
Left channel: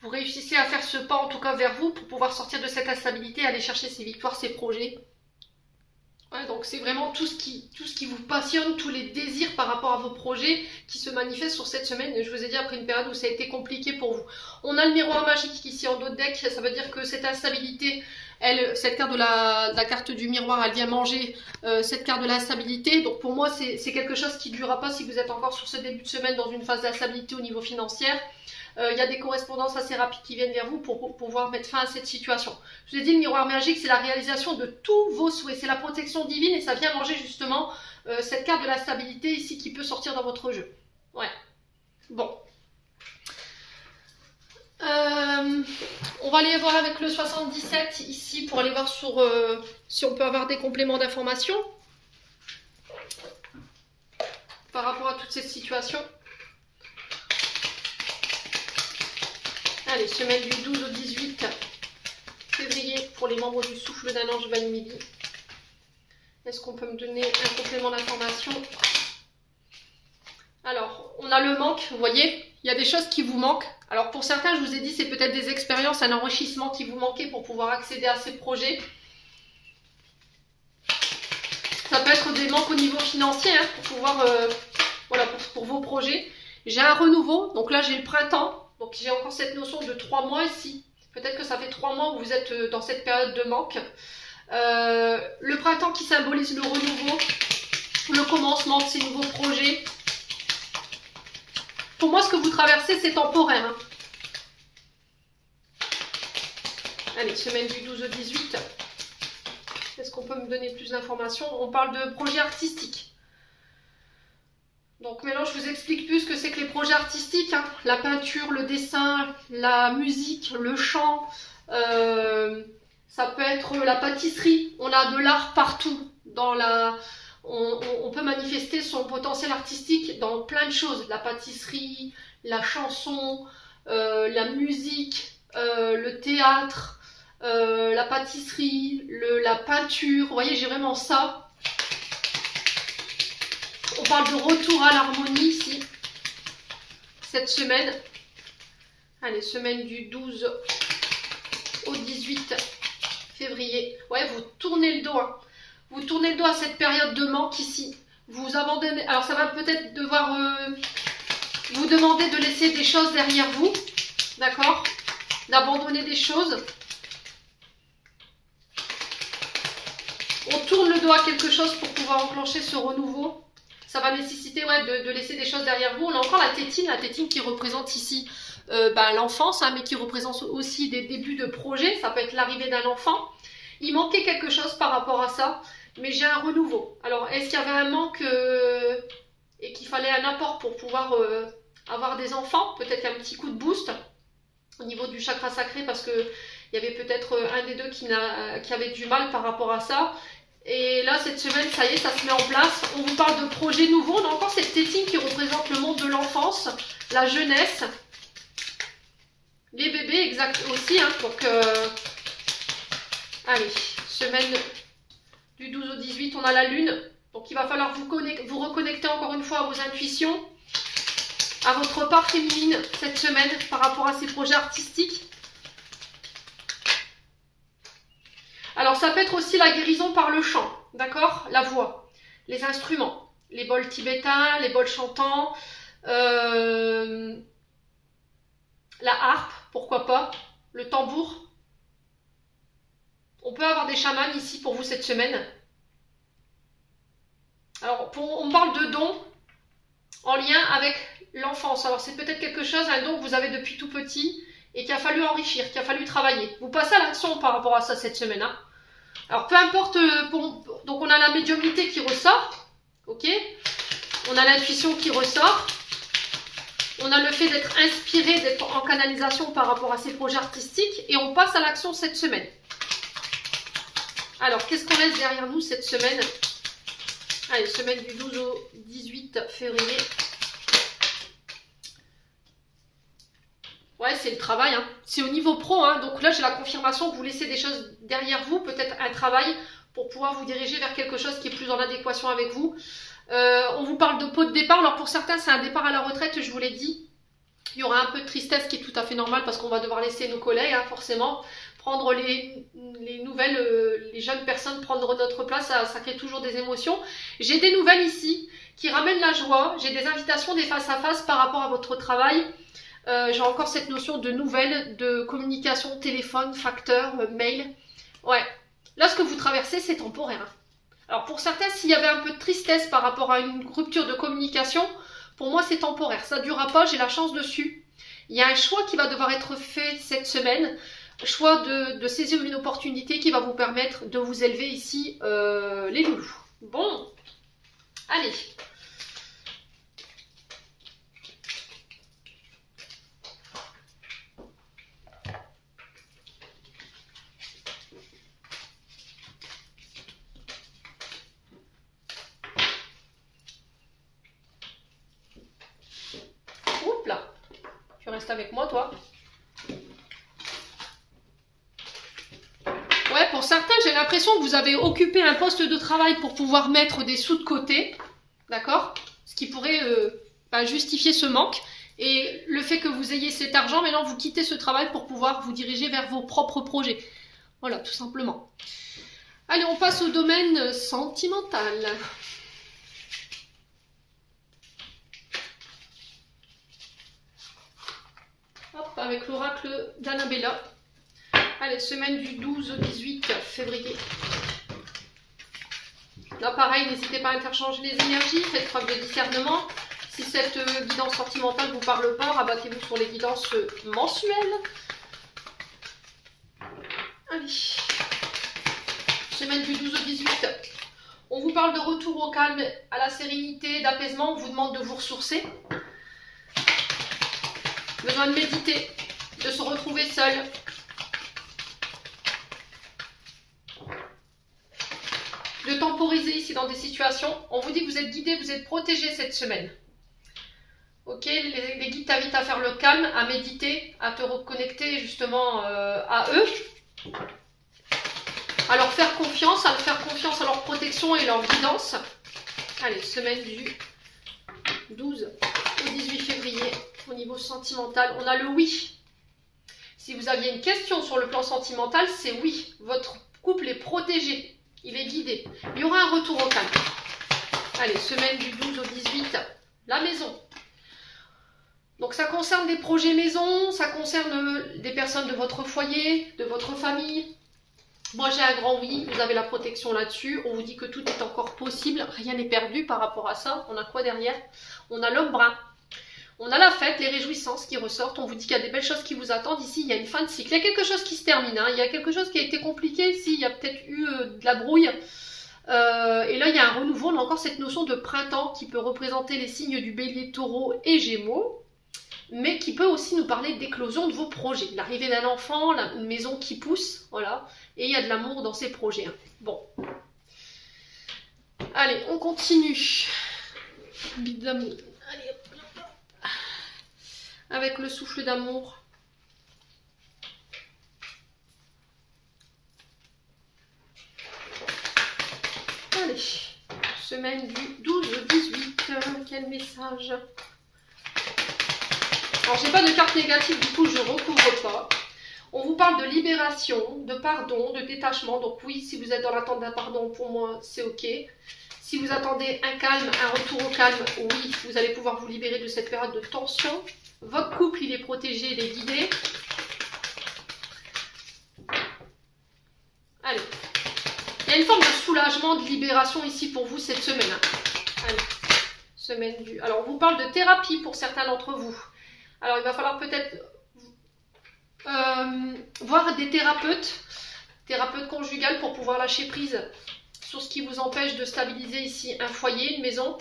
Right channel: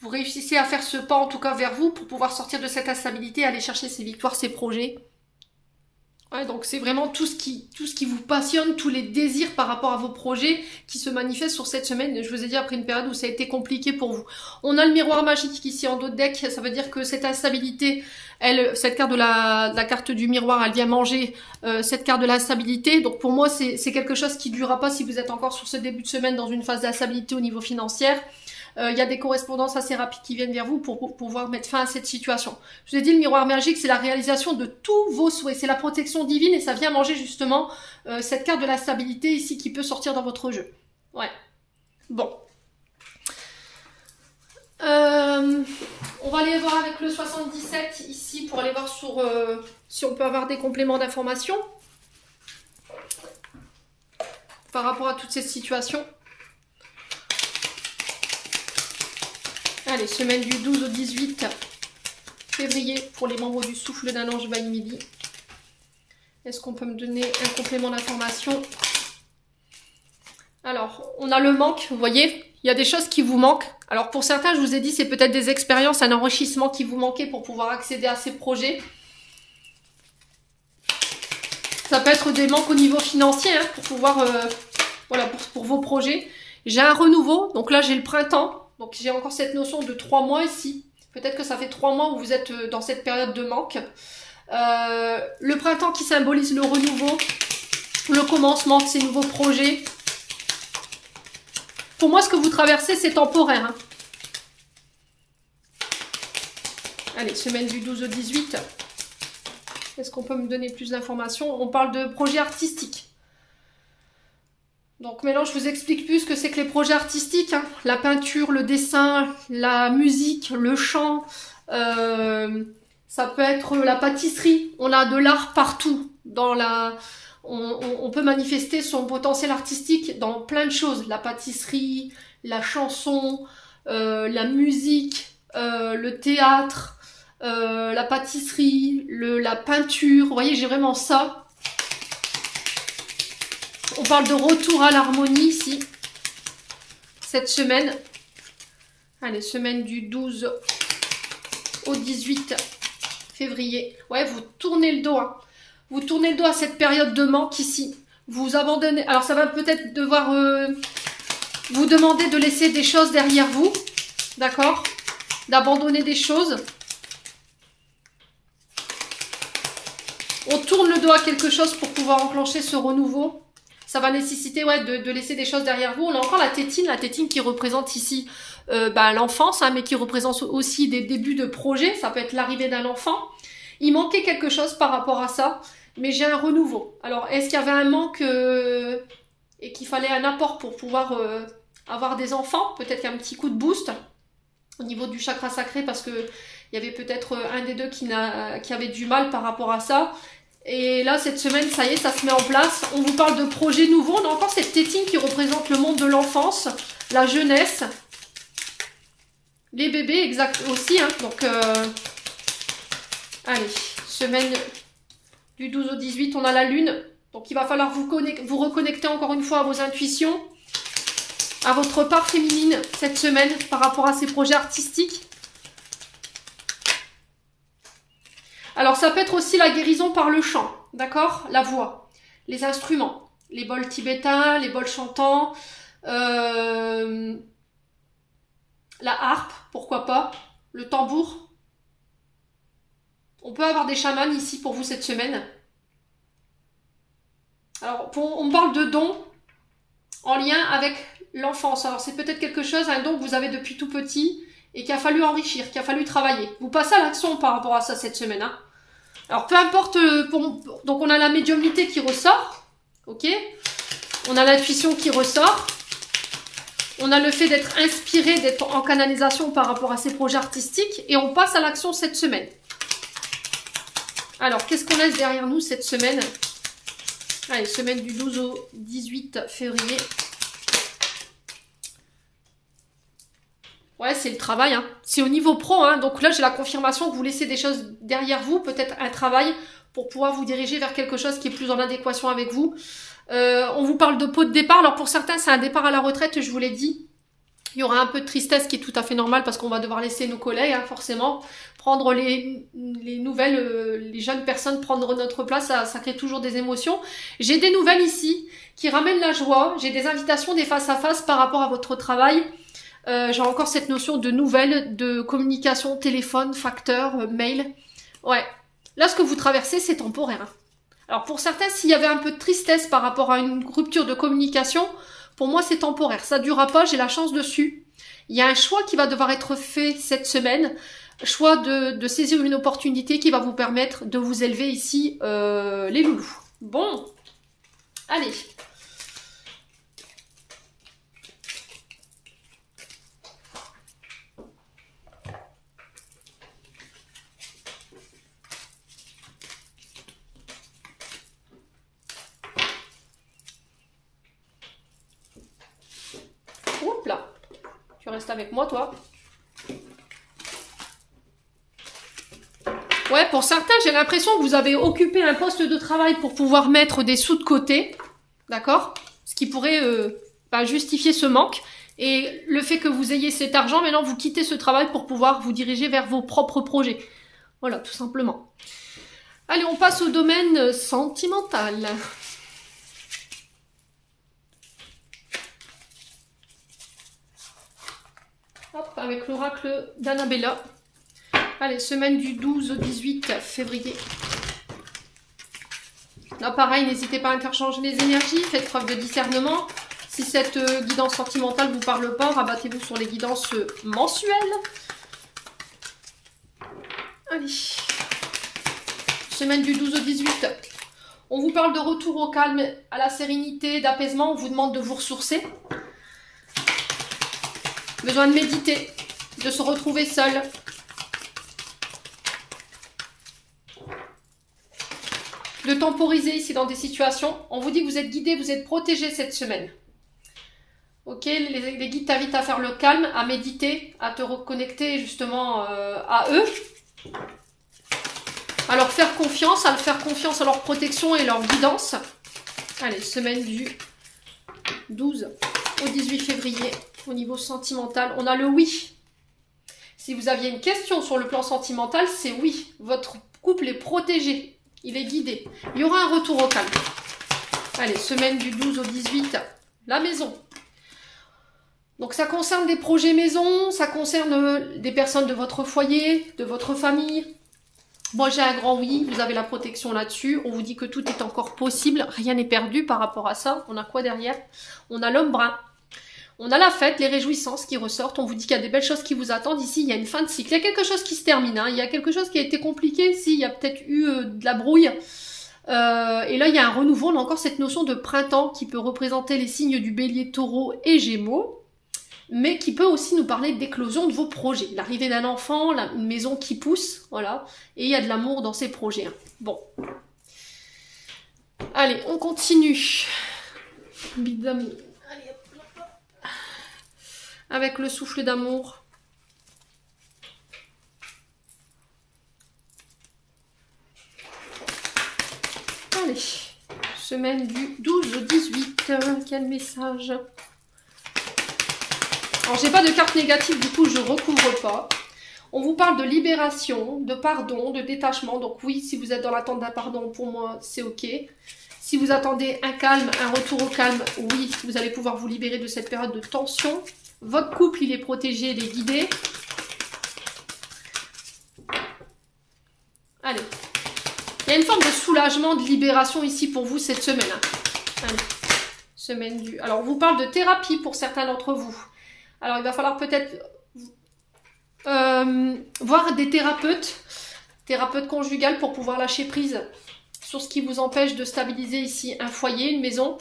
Vous réussissez à faire ce pas, en tout cas vers vous, pour pouvoir sortir de cette instabilité, aller chercher ces victoires, ces projets. Ouais, donc c'est vraiment tout ce qui vous passionne, tous les désirs par rapport à vos projets qui se manifestent sur cette semaine. Je vous ai dit, après une période où ça a été compliqué pour vous. On a le miroir magique ici en dos de deck. Ça veut dire que cette instabilité, cette carte de la carte du miroir, elle vient manger cette carte de l'instabilité. Donc pour moi, c'est quelque chose qui ne durera pas si vous êtes encore sur ce début de semaine dans une phase d'instabilité au niveau financier. Il y a des correspondances assez rapides qui viennent vers vous pour pouvoir mettre fin à cette situation. Je vous ai dit, le miroir magique, c'est la réalisation de tous vos souhaits. C'est la protection divine et ça vient manger justement cette carte de la stabilité ici qui peut sortir dans votre jeu. Ouais. Bon. On va aller voir avec le 77 ici pour aller voir sur si on peut avoir des compléments d'information par rapport à toute cette situation. Allez, semaine du 12 au 18 février pour les membres du souffle d'un ange Vaille Midi. Est-ce qu'on peut me donner un complément d'information? Alors, on a le manque, vous voyez, il y a des choses qui vous manquent. Alors pour certains, je vous ai dit, c'est peut-être des expériences, un enrichissement qui vous manquait pour pouvoir accéder à ces projets. Ça peut être des manques au niveau financier, hein, pour pouvoir, voilà, pour vos projets. J'ai un renouveau, donc là j'ai le printemps. Donc j'ai encore cette notion de 3 mois ici. Peut-être que ça fait 3 mois où vous êtes dans cette période de manque. Le printemps qui symbolise le renouveau, le commencement de ces nouveaux projets. Pour moi, ce que vous traversez, c'est temporaire. Hein. Allez, semaine du 12 au 18. Est-ce qu'on peut me donner plus d'informations? On parle de projets artistiques. Donc maintenant, je vous explique plus ce que c'est que les projets artistiques. Hein. La peinture, le dessin, la musique, le chant. Ça peut être la pâtisserie. On a de l'art partout. On peut manifester son potentiel artistique dans plein de choses. La pâtisserie, la chanson, la musique, le théâtre, la pâtisserie, la peinture. Vous voyez, j'ai vraiment ça. On parle de retour à l'harmonie ici, cette semaine. Allez, semaine du 12 au 18 février. Ouais, vous tournez le dos. Hein. Vous tournez le dos à cette période de manque ici. Vous abandonnez. Alors, ça va peut-être devoir vous demander de laisser des choses derrière vous. D'accord? d'abandonner des choses. On tourne le dos à quelque chose pour pouvoir enclencher ce renouveau. Ça va nécessiter de laisser des choses derrière vous. On a encore la tétine qui représente ici l'enfance, hein, mais qui représente aussi des débuts de projet. Ça peut être l'arrivée d'un enfant. Il manquait quelque chose par rapport à ça, mais j'ai un renouveau. Alors, est-ce qu'il y avait un manque et qu'il fallait un apport pour pouvoir avoir des enfants? Peut-être un petit coup de boost au niveau du chakra sacré, parce que il y avait peut-être un des deux qui avait du mal par rapport à ça. Et là, cette semaine, ça y est, ça se met en place. On vous parle de projets nouveaux. On a encore cette tétine qui représente le monde de l'enfance, la jeunesse, les bébés, exact aussi. Hein. Donc, allez, semaine du 12 au 18, on a la lune. Donc, il va falloir vous reconnecter encore une fois à vos intuitions, à votre part féminine cette semaine par rapport à ces projets artistiques. Alors, ça peut être aussi la guérison par le chant, d'accord? La voix, les instruments, les bols tibétains, les bols chantants, la harpe, pourquoi pas, le tambour. On peut avoir des chamans ici pour vous cette semaine. Alors, on me parle de dons en lien avec l'enfance. Alors, c'est peut-être quelque chose, un don que vous avez depuis tout petit et qu'il a fallu enrichir, qu'il a fallu travailler. Vous passez à l'action par rapport à ça cette semaine, hein. Alors, peu importe, donc on a la médiumnité qui ressort, ok? On a l'intuition qui ressort. On a le fait d'être inspiré, d'être en canalisation par rapport à ces projets artistiques. Et on passe à l'action cette semaine. Alors, qu'est-ce qu'on laisse derrière nous cette semaine? Allez, semaine du 12 au 18 février. Ouais, c'est le travail, hein. C'est au niveau pro, hein. Donc là, j'ai la confirmation que vous laissez des choses derrière vous, peut-être un travail pour pouvoir vous diriger vers quelque chose qui est plus en adéquation avec vous. On vous parle de pot de départ. Alors pour certains, c'est un départ à la retraite, je vous l'ai dit. Il y aura un peu de tristesse qui est tout à fait normal parce qu'on va devoir laisser nos collègues, hein, forcément. Prendre les nouvelles, les jeunes personnes, prendre notre place, ça crée toujours des émotions. J'ai des nouvelles ici qui ramènent la joie. J'ai des invitations, des face-à-face par rapport à votre travail. J'ai encore cette notion de nouvelles, de communication, téléphone, facteur, mail. Ouais, là ce que vous traversez c'est temporaire. Alors pour certains, s'il y avait un peu de tristesse par rapport à une rupture de communication, pour moi c'est temporaire, ça ne durera pas, j'ai la chance dessus. Il y a un choix qui va devoir être fait cette semaine, choix de saisir une opportunité qui va vous permettre de vous élever ici, les loulous. Bon, allez. Oups là, tu restes avec moi toi. Ouais, pour certains, j'ai l'impression que vous avez occupé un poste de travail pour pouvoir mettre des sous de côté, d'accord? Ce qui pourrait justifier ce manque. Et le fait que vous ayez cet argent, maintenant vous quittez ce travail pour pouvoir vous diriger vers vos propres projets. Voilà, tout simplement. Allez, on passe au domaine sentimental. Hop, avec l'oracle d'Annabella. Allez, semaine du 12 au 18 février. Là, pareil, n'hésitez pas à interchanger les énergies, faites preuve de discernement. Si cette guidance sentimentale ne vous parle pas, rabattez-vous sur les guidances mensuelles. Allez. Semaine du 12 au 18. On vous parle de retour au calme, à la sérénité, d'apaisement. On vous demande de vous ressourcer. Besoin de méditer, de se retrouver seul. De temporiser ici dans des situations. On vous dit que vous êtes guidé, vous êtes protégé cette semaine. Ok, les guides t'invitent à faire le calme, à méditer, à te reconnecter justement à eux. À leur faire confiance, à leur protection et leur guidance. Allez, semaine du 12 au 18 février. Au niveau sentimental, on a le oui. Si vous aviez une question sur le plan sentimental, c'est oui. Votre couple est protégé. Il est guidé. Il y aura un retour au calme. Allez, semaine du 12 au 18, la maison. Donc ça concerne des projets maison, ça concerne des personnes de votre foyer, de votre famille. Moi j'ai un grand oui, vous avez la protection là-dessus. On vous dit que tout est encore possible, rien n'est perdu par rapport à ça. On a quoi derrière? On a l'homme brun. On a la fête, les réjouissances qui ressortent. On vous dit qu'il y a des belles choses qui vous attendent. Ici, il y a une fin de cycle. Il y a quelque chose qui se termine. Hein. Il y a quelque chose qui a été compliqué. Ici, il y a peut-être eu de la brouille. Et là, il y a un renouveau. On a encore cette notion de printemps qui peut représenter les signes du bélier, taureau et gémeaux. Mais qui peut aussi nous parler d'éclosion de vos projets. L'arrivée d'un enfant, une maison qui pousse. Voilà. Et il y a de l'amour dans ces projets. Hein. Bon. Allez, on continue. Bide d'amour. Allez, hop. Avec le souffle d'amour. Allez, semaine du 12 au 18. Quel message? Alors, j'ai pas de carte négative, du coup, je recouvre pas. On vous parle de libération, de pardon, de détachement. Donc oui, si vous êtes dans l'attente d'un pardon, pour moi, c'est ok. Si vous attendez un calme, un retour au calme, oui, vous allez pouvoir vous libérer de cette période de tension. Votre couple, il est protégé, il est guidé. Allez. Il y a une forme de soulagement, de libération ici pour vous cette semaine. Allez. Semaine du... Alors, on vous parle de thérapie pour certains d'entre vous. Alors, il va falloir peut-être voir des thérapeutes conjugales pour pouvoir lâcher prise sur ce qui vous empêche de stabiliser ici un foyer, une maison.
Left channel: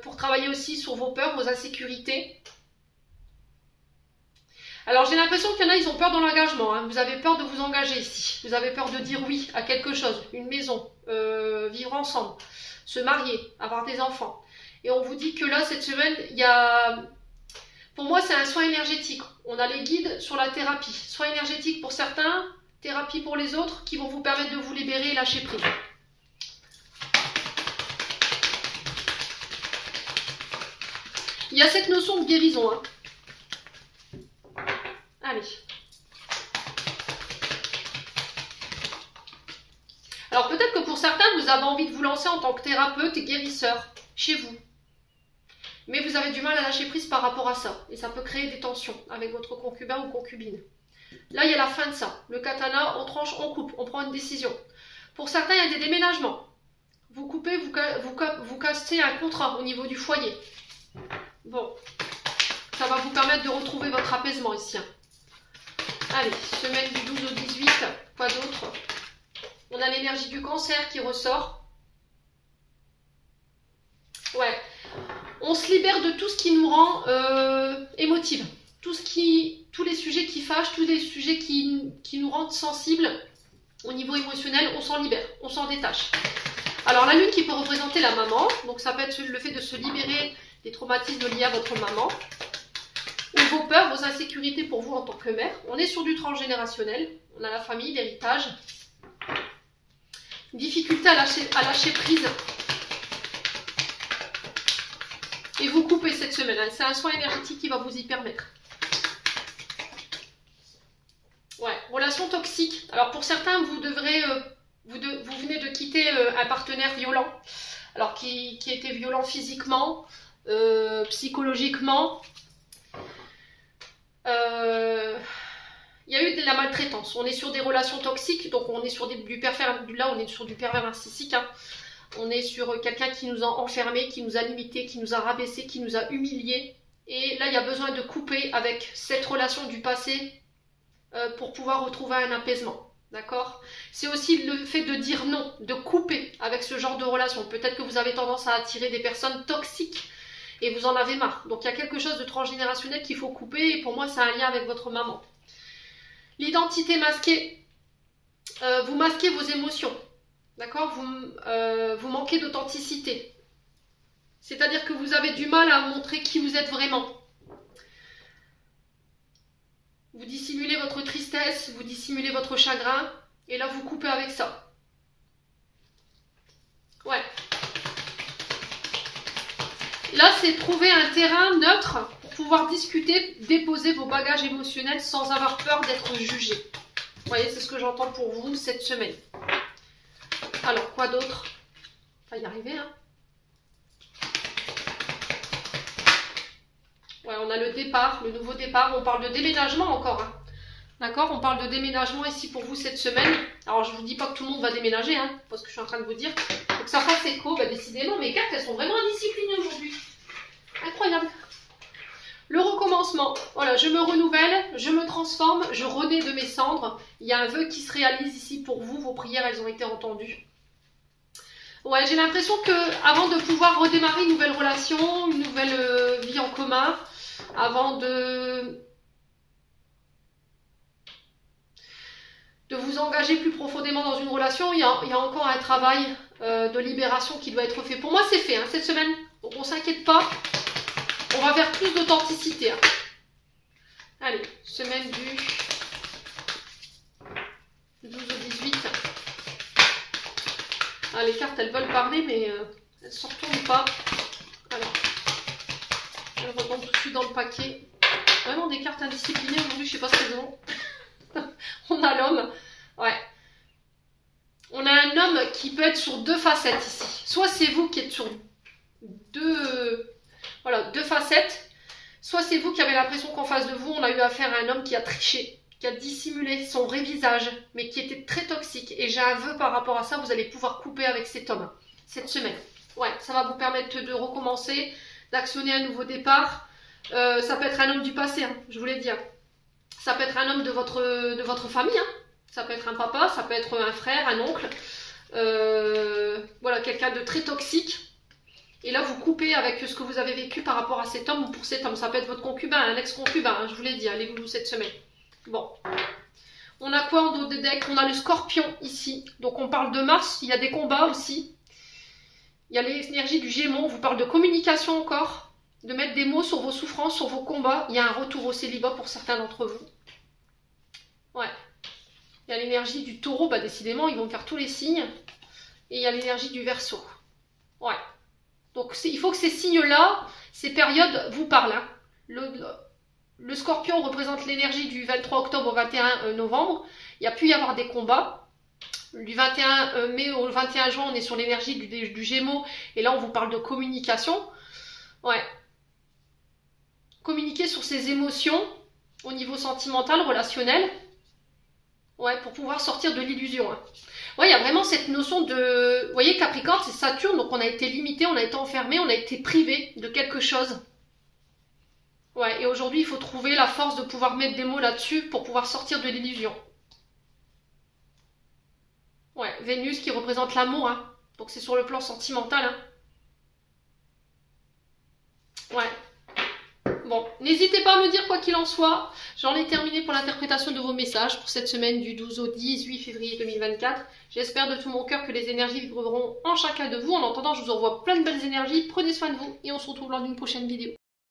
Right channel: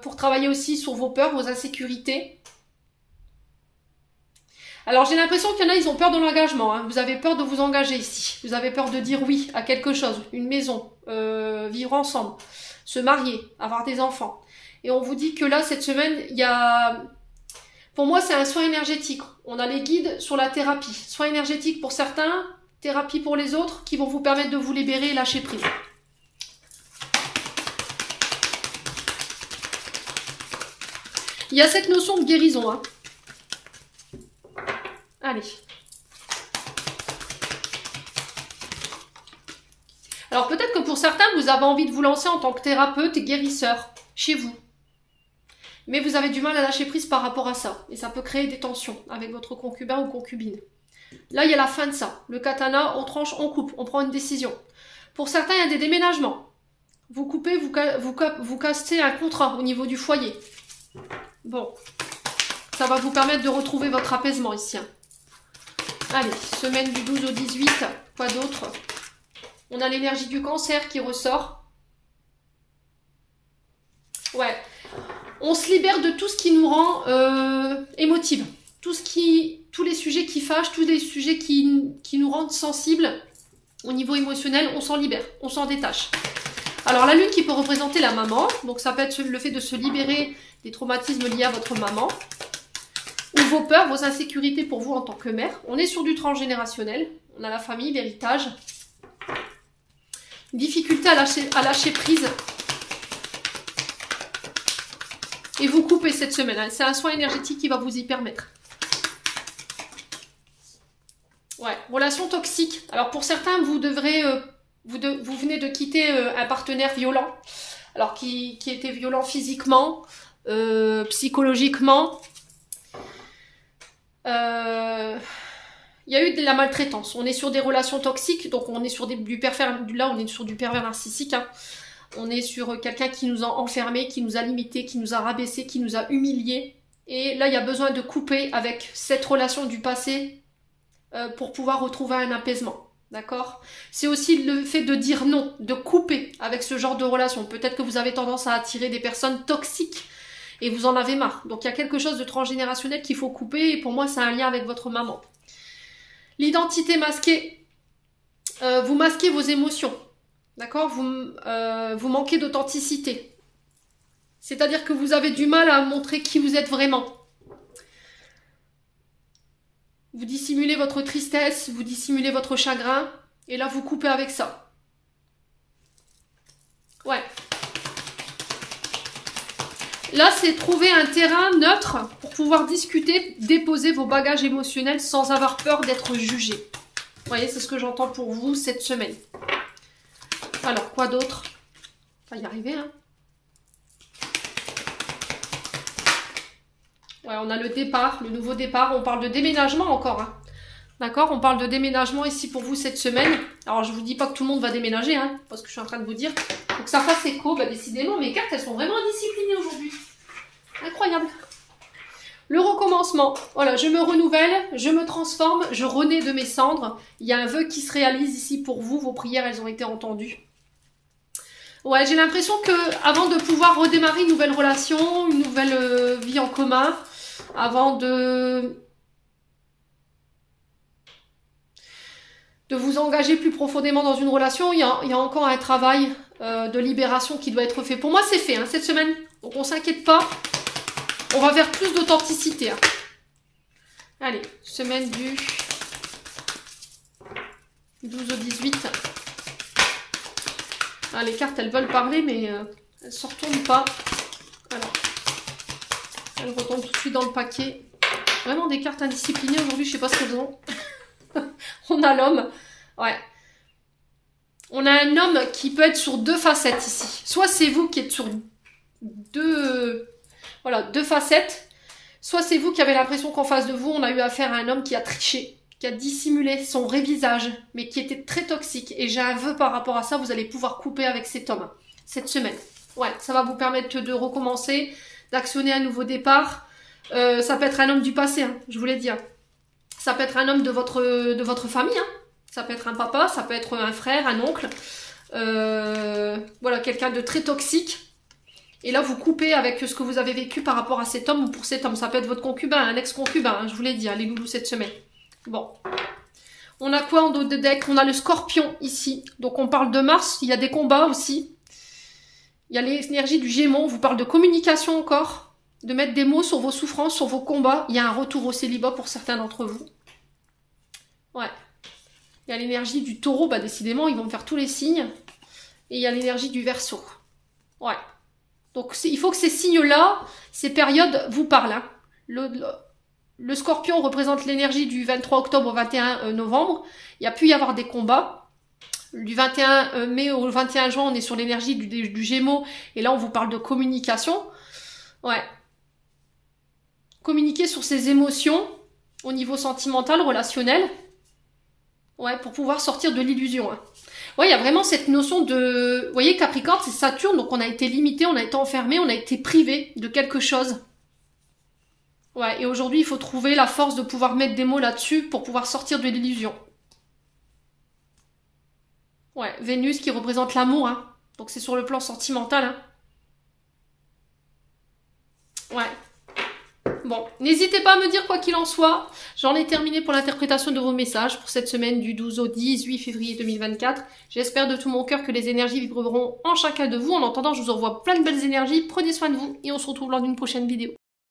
Pour travailler aussi sur vos peurs, vos insécurités. Alors j'ai l'impression qu'il y en a, ils ont peur de l'engagement. Hein. Vous avez peur de vous engager ici. Vous avez peur de dire oui à quelque chose. Une maison, vivre ensemble, se marier, avoir des enfants. Et on vous dit que là, cette semaine, il y a... Pour moi, c'est un soin énergétique. On a les guides sur la thérapie. Soin énergétique pour certains, thérapie pour les autres, qui vont vous permettre de vous libérer et lâcher prise. Il y a cette notion de guérison. Hein. Allez. Alors peut-être que pour certains, vous avez envie de vous lancer en tant que thérapeute et guérisseur chez vous. Mais vous avez du mal à lâcher prise par rapport à ça. Et ça peut créer des tensions avec votre concubin ou concubine. Là, il y a la fin de ça. Le katana, on tranche, on coupe, on prend une décision. Pour certains, il y a des déménagements. Vous coupez, vous cassez un contrat au niveau du foyer. Bon. Ça va vous permettre de retrouver votre apaisement ici. Hein. Allez, semaine du 12 au 18, quoi d'autre? On a l'énergie du cancer qui ressort. Ouais. On se libère de tout ce qui nous rend émotive. Tous les sujets qui fâchent, tous les sujets qui nous rendent sensibles au niveau émotionnel, on s'en libère, on s'en détache. Alors la lune qui peut représenter la maman, donc ça peut être le fait de se libérer des traumatismes liés à votre maman, ou vos peurs, vos insécurités pour vous en tant que mère. On est sur du transgénérationnel, on a la famille, l'héritage, difficulté à lâcher prise. Et vous coupez cette semaine, hein. C'est un soin énergétique qui va vous y permettre. Ouais, relation toxique. Alors pour certains, vous venez de quitter un partenaire violent. Alors qui était violent physiquement, psychologiquement. Il y a eu de la maltraitance. On est sur des relations toxiques, donc on est sur du pervers. Là, on est sur du pervers narcissique. Hein. On est sur quelqu'un qui nous a enfermés, qui nous a limités, qui nous a rabaissés, qui nous a humiliés. Et là, il y a besoin de couper avec cette relation du passé pour pouvoir retrouver un apaisement. D'accord? C'est aussi le fait de dire non, de couper avec ce genre de relation. Peut-être que vous avez tendance à attirer des personnes toxiques et vous en avez marre. Donc, il y a quelque chose de transgénérationnel qu'il faut couper et pour moi, c'est un lien avec votre maman. L'identité masquée. Vous masquez vos émotions. D'accord? Vous manquez d'authenticité. C'est-à-dire que vous avez du mal à montrer qui vous êtes vraiment. Vous dissimulez votre tristesse, vous dissimulez votre chagrin, et là vous coupez avec ça. Ouais. Là, c'est trouver un terrain neutre pour pouvoir discuter, déposer vos bagages émotionnels sans avoir peur d'être jugé. Vous voyez, c'est ce que j'entends pour vous cette semaine. Alors, quoi d'autre? On va y arriver, hein. Ouais, on a le départ, le nouveau départ. On parle de déménagement encore. Hein. D'accord? On parle de déménagement ici pour vous cette semaine. Alors, je vous dis pas que tout le monde va déménager, hein, parce que je suis en train de vous dire. Faut que ça fasse écho. Bah, décidément, mes cartes, elles sont vraiment indisciplinées aujourd'hui. Incroyable. Le recommencement. Voilà, je me renouvelle, je me transforme, je renais de mes cendres. Il y a un vœu qui se réalise ici pour vous. Vos prières, elles ont été entendues. Ouais, j'ai l'impression que avant de pouvoir redémarrer une nouvelle relation, une nouvelle vie en commun, avant de vous engager plus profondément dans une relation, il y a encore un travail de libération qui doit être fait. Pour moi, c'est fait hein, cette semaine, donc on ne s'inquiète pas. On va vers plus d'authenticité. Hein. Allez, semaine du 12 au 18. Ah, les cartes, elles veulent parler, mais elles ne se retournent pas. Alors, elles retournent tout de suite dans le paquet. Vraiment des cartes indisciplinées aujourd'hui, je ne sais pas ce qu'elles ont. On a l'homme. Ouais. On a un homme qui peut être sur deux facettes ici. Soit c'est vous qui êtes sur deux facettes. Soit c'est vous qui avez l'impression qu'en face de vous, on a eu affaire à un homme qui a triché, qui a dissimulé son vrai visage, mais qui était très toxique. Et j'ai un vœu par rapport à ça, vous allez pouvoir couper avec cet homme cette semaine. Ouais, ça va vous permettre de recommencer, d'actionner un nouveau départ. Ça peut être un homme du passé, hein, je vous l'ai dit. Hein. Ça peut être un homme de votre famille, hein. Ça peut être un papa, ça peut être un frère, un oncle. Voilà, quelqu'un de très toxique. Et là, vous coupez avec ce que vous avez vécu par rapport à cet homme ou pour cet homme. Ça peut être votre concubin, un ex-concubin, hein, je vous l'ai dit, hein, les loulous cette semaine. Bon. On a quoi en dos de deck? On a le scorpion ici. Donc on parle de Mars, il y a des combats aussi. Il y a l'énergie du Gémeaux, on vous parle de communication encore. De mettre des mots sur vos souffrances, sur vos combats. Il y a un retour au célibat pour certains d'entre vous. Ouais. Il y a l'énergie du Taureau, bah décidément, ils vont faire tous les signes. Et il y a l'énergie du Verseau. Ouais. Donc il faut que ces signes-là, ces périodes vous parlent. Hein. Le Scorpion représente l'énergie du 23 octobre au 21 novembre. Il y a pu y avoir des combats. Du 21 mai au 21 juin, on est sur l'énergie du Gémeaux. Et là, on vous parle de communication. Ouais. Communiquer sur ses émotions au niveau sentimental, relationnel. Ouais, pour pouvoir sortir de l'illusion. Hein. Ouais, il y a vraiment cette notion de... Vous voyez, Capricorne, c'est Saturne, donc on a été limité, on a été enfermé, on a été privé de quelque chose. Ouais, et aujourd'hui, il faut trouver la force de pouvoir mettre des mots là-dessus pour pouvoir sortir de l'illusion. Ouais, Vénus qui représente l'amour, hein. Donc c'est sur le plan sentimental. Hein. Ouais. Bon, n'hésitez pas à me dire quoi qu'il en soit. J'en ai terminé pour l'interprétation de vos messages pour cette semaine du 12 au 18 février 2024. J'espère de tout mon cœur que les énergies vibreront en chacun de vous. En attendant, je vous envoie plein de belles énergies. Prenez soin de vous et on se retrouve lors d'une prochaine vidéo.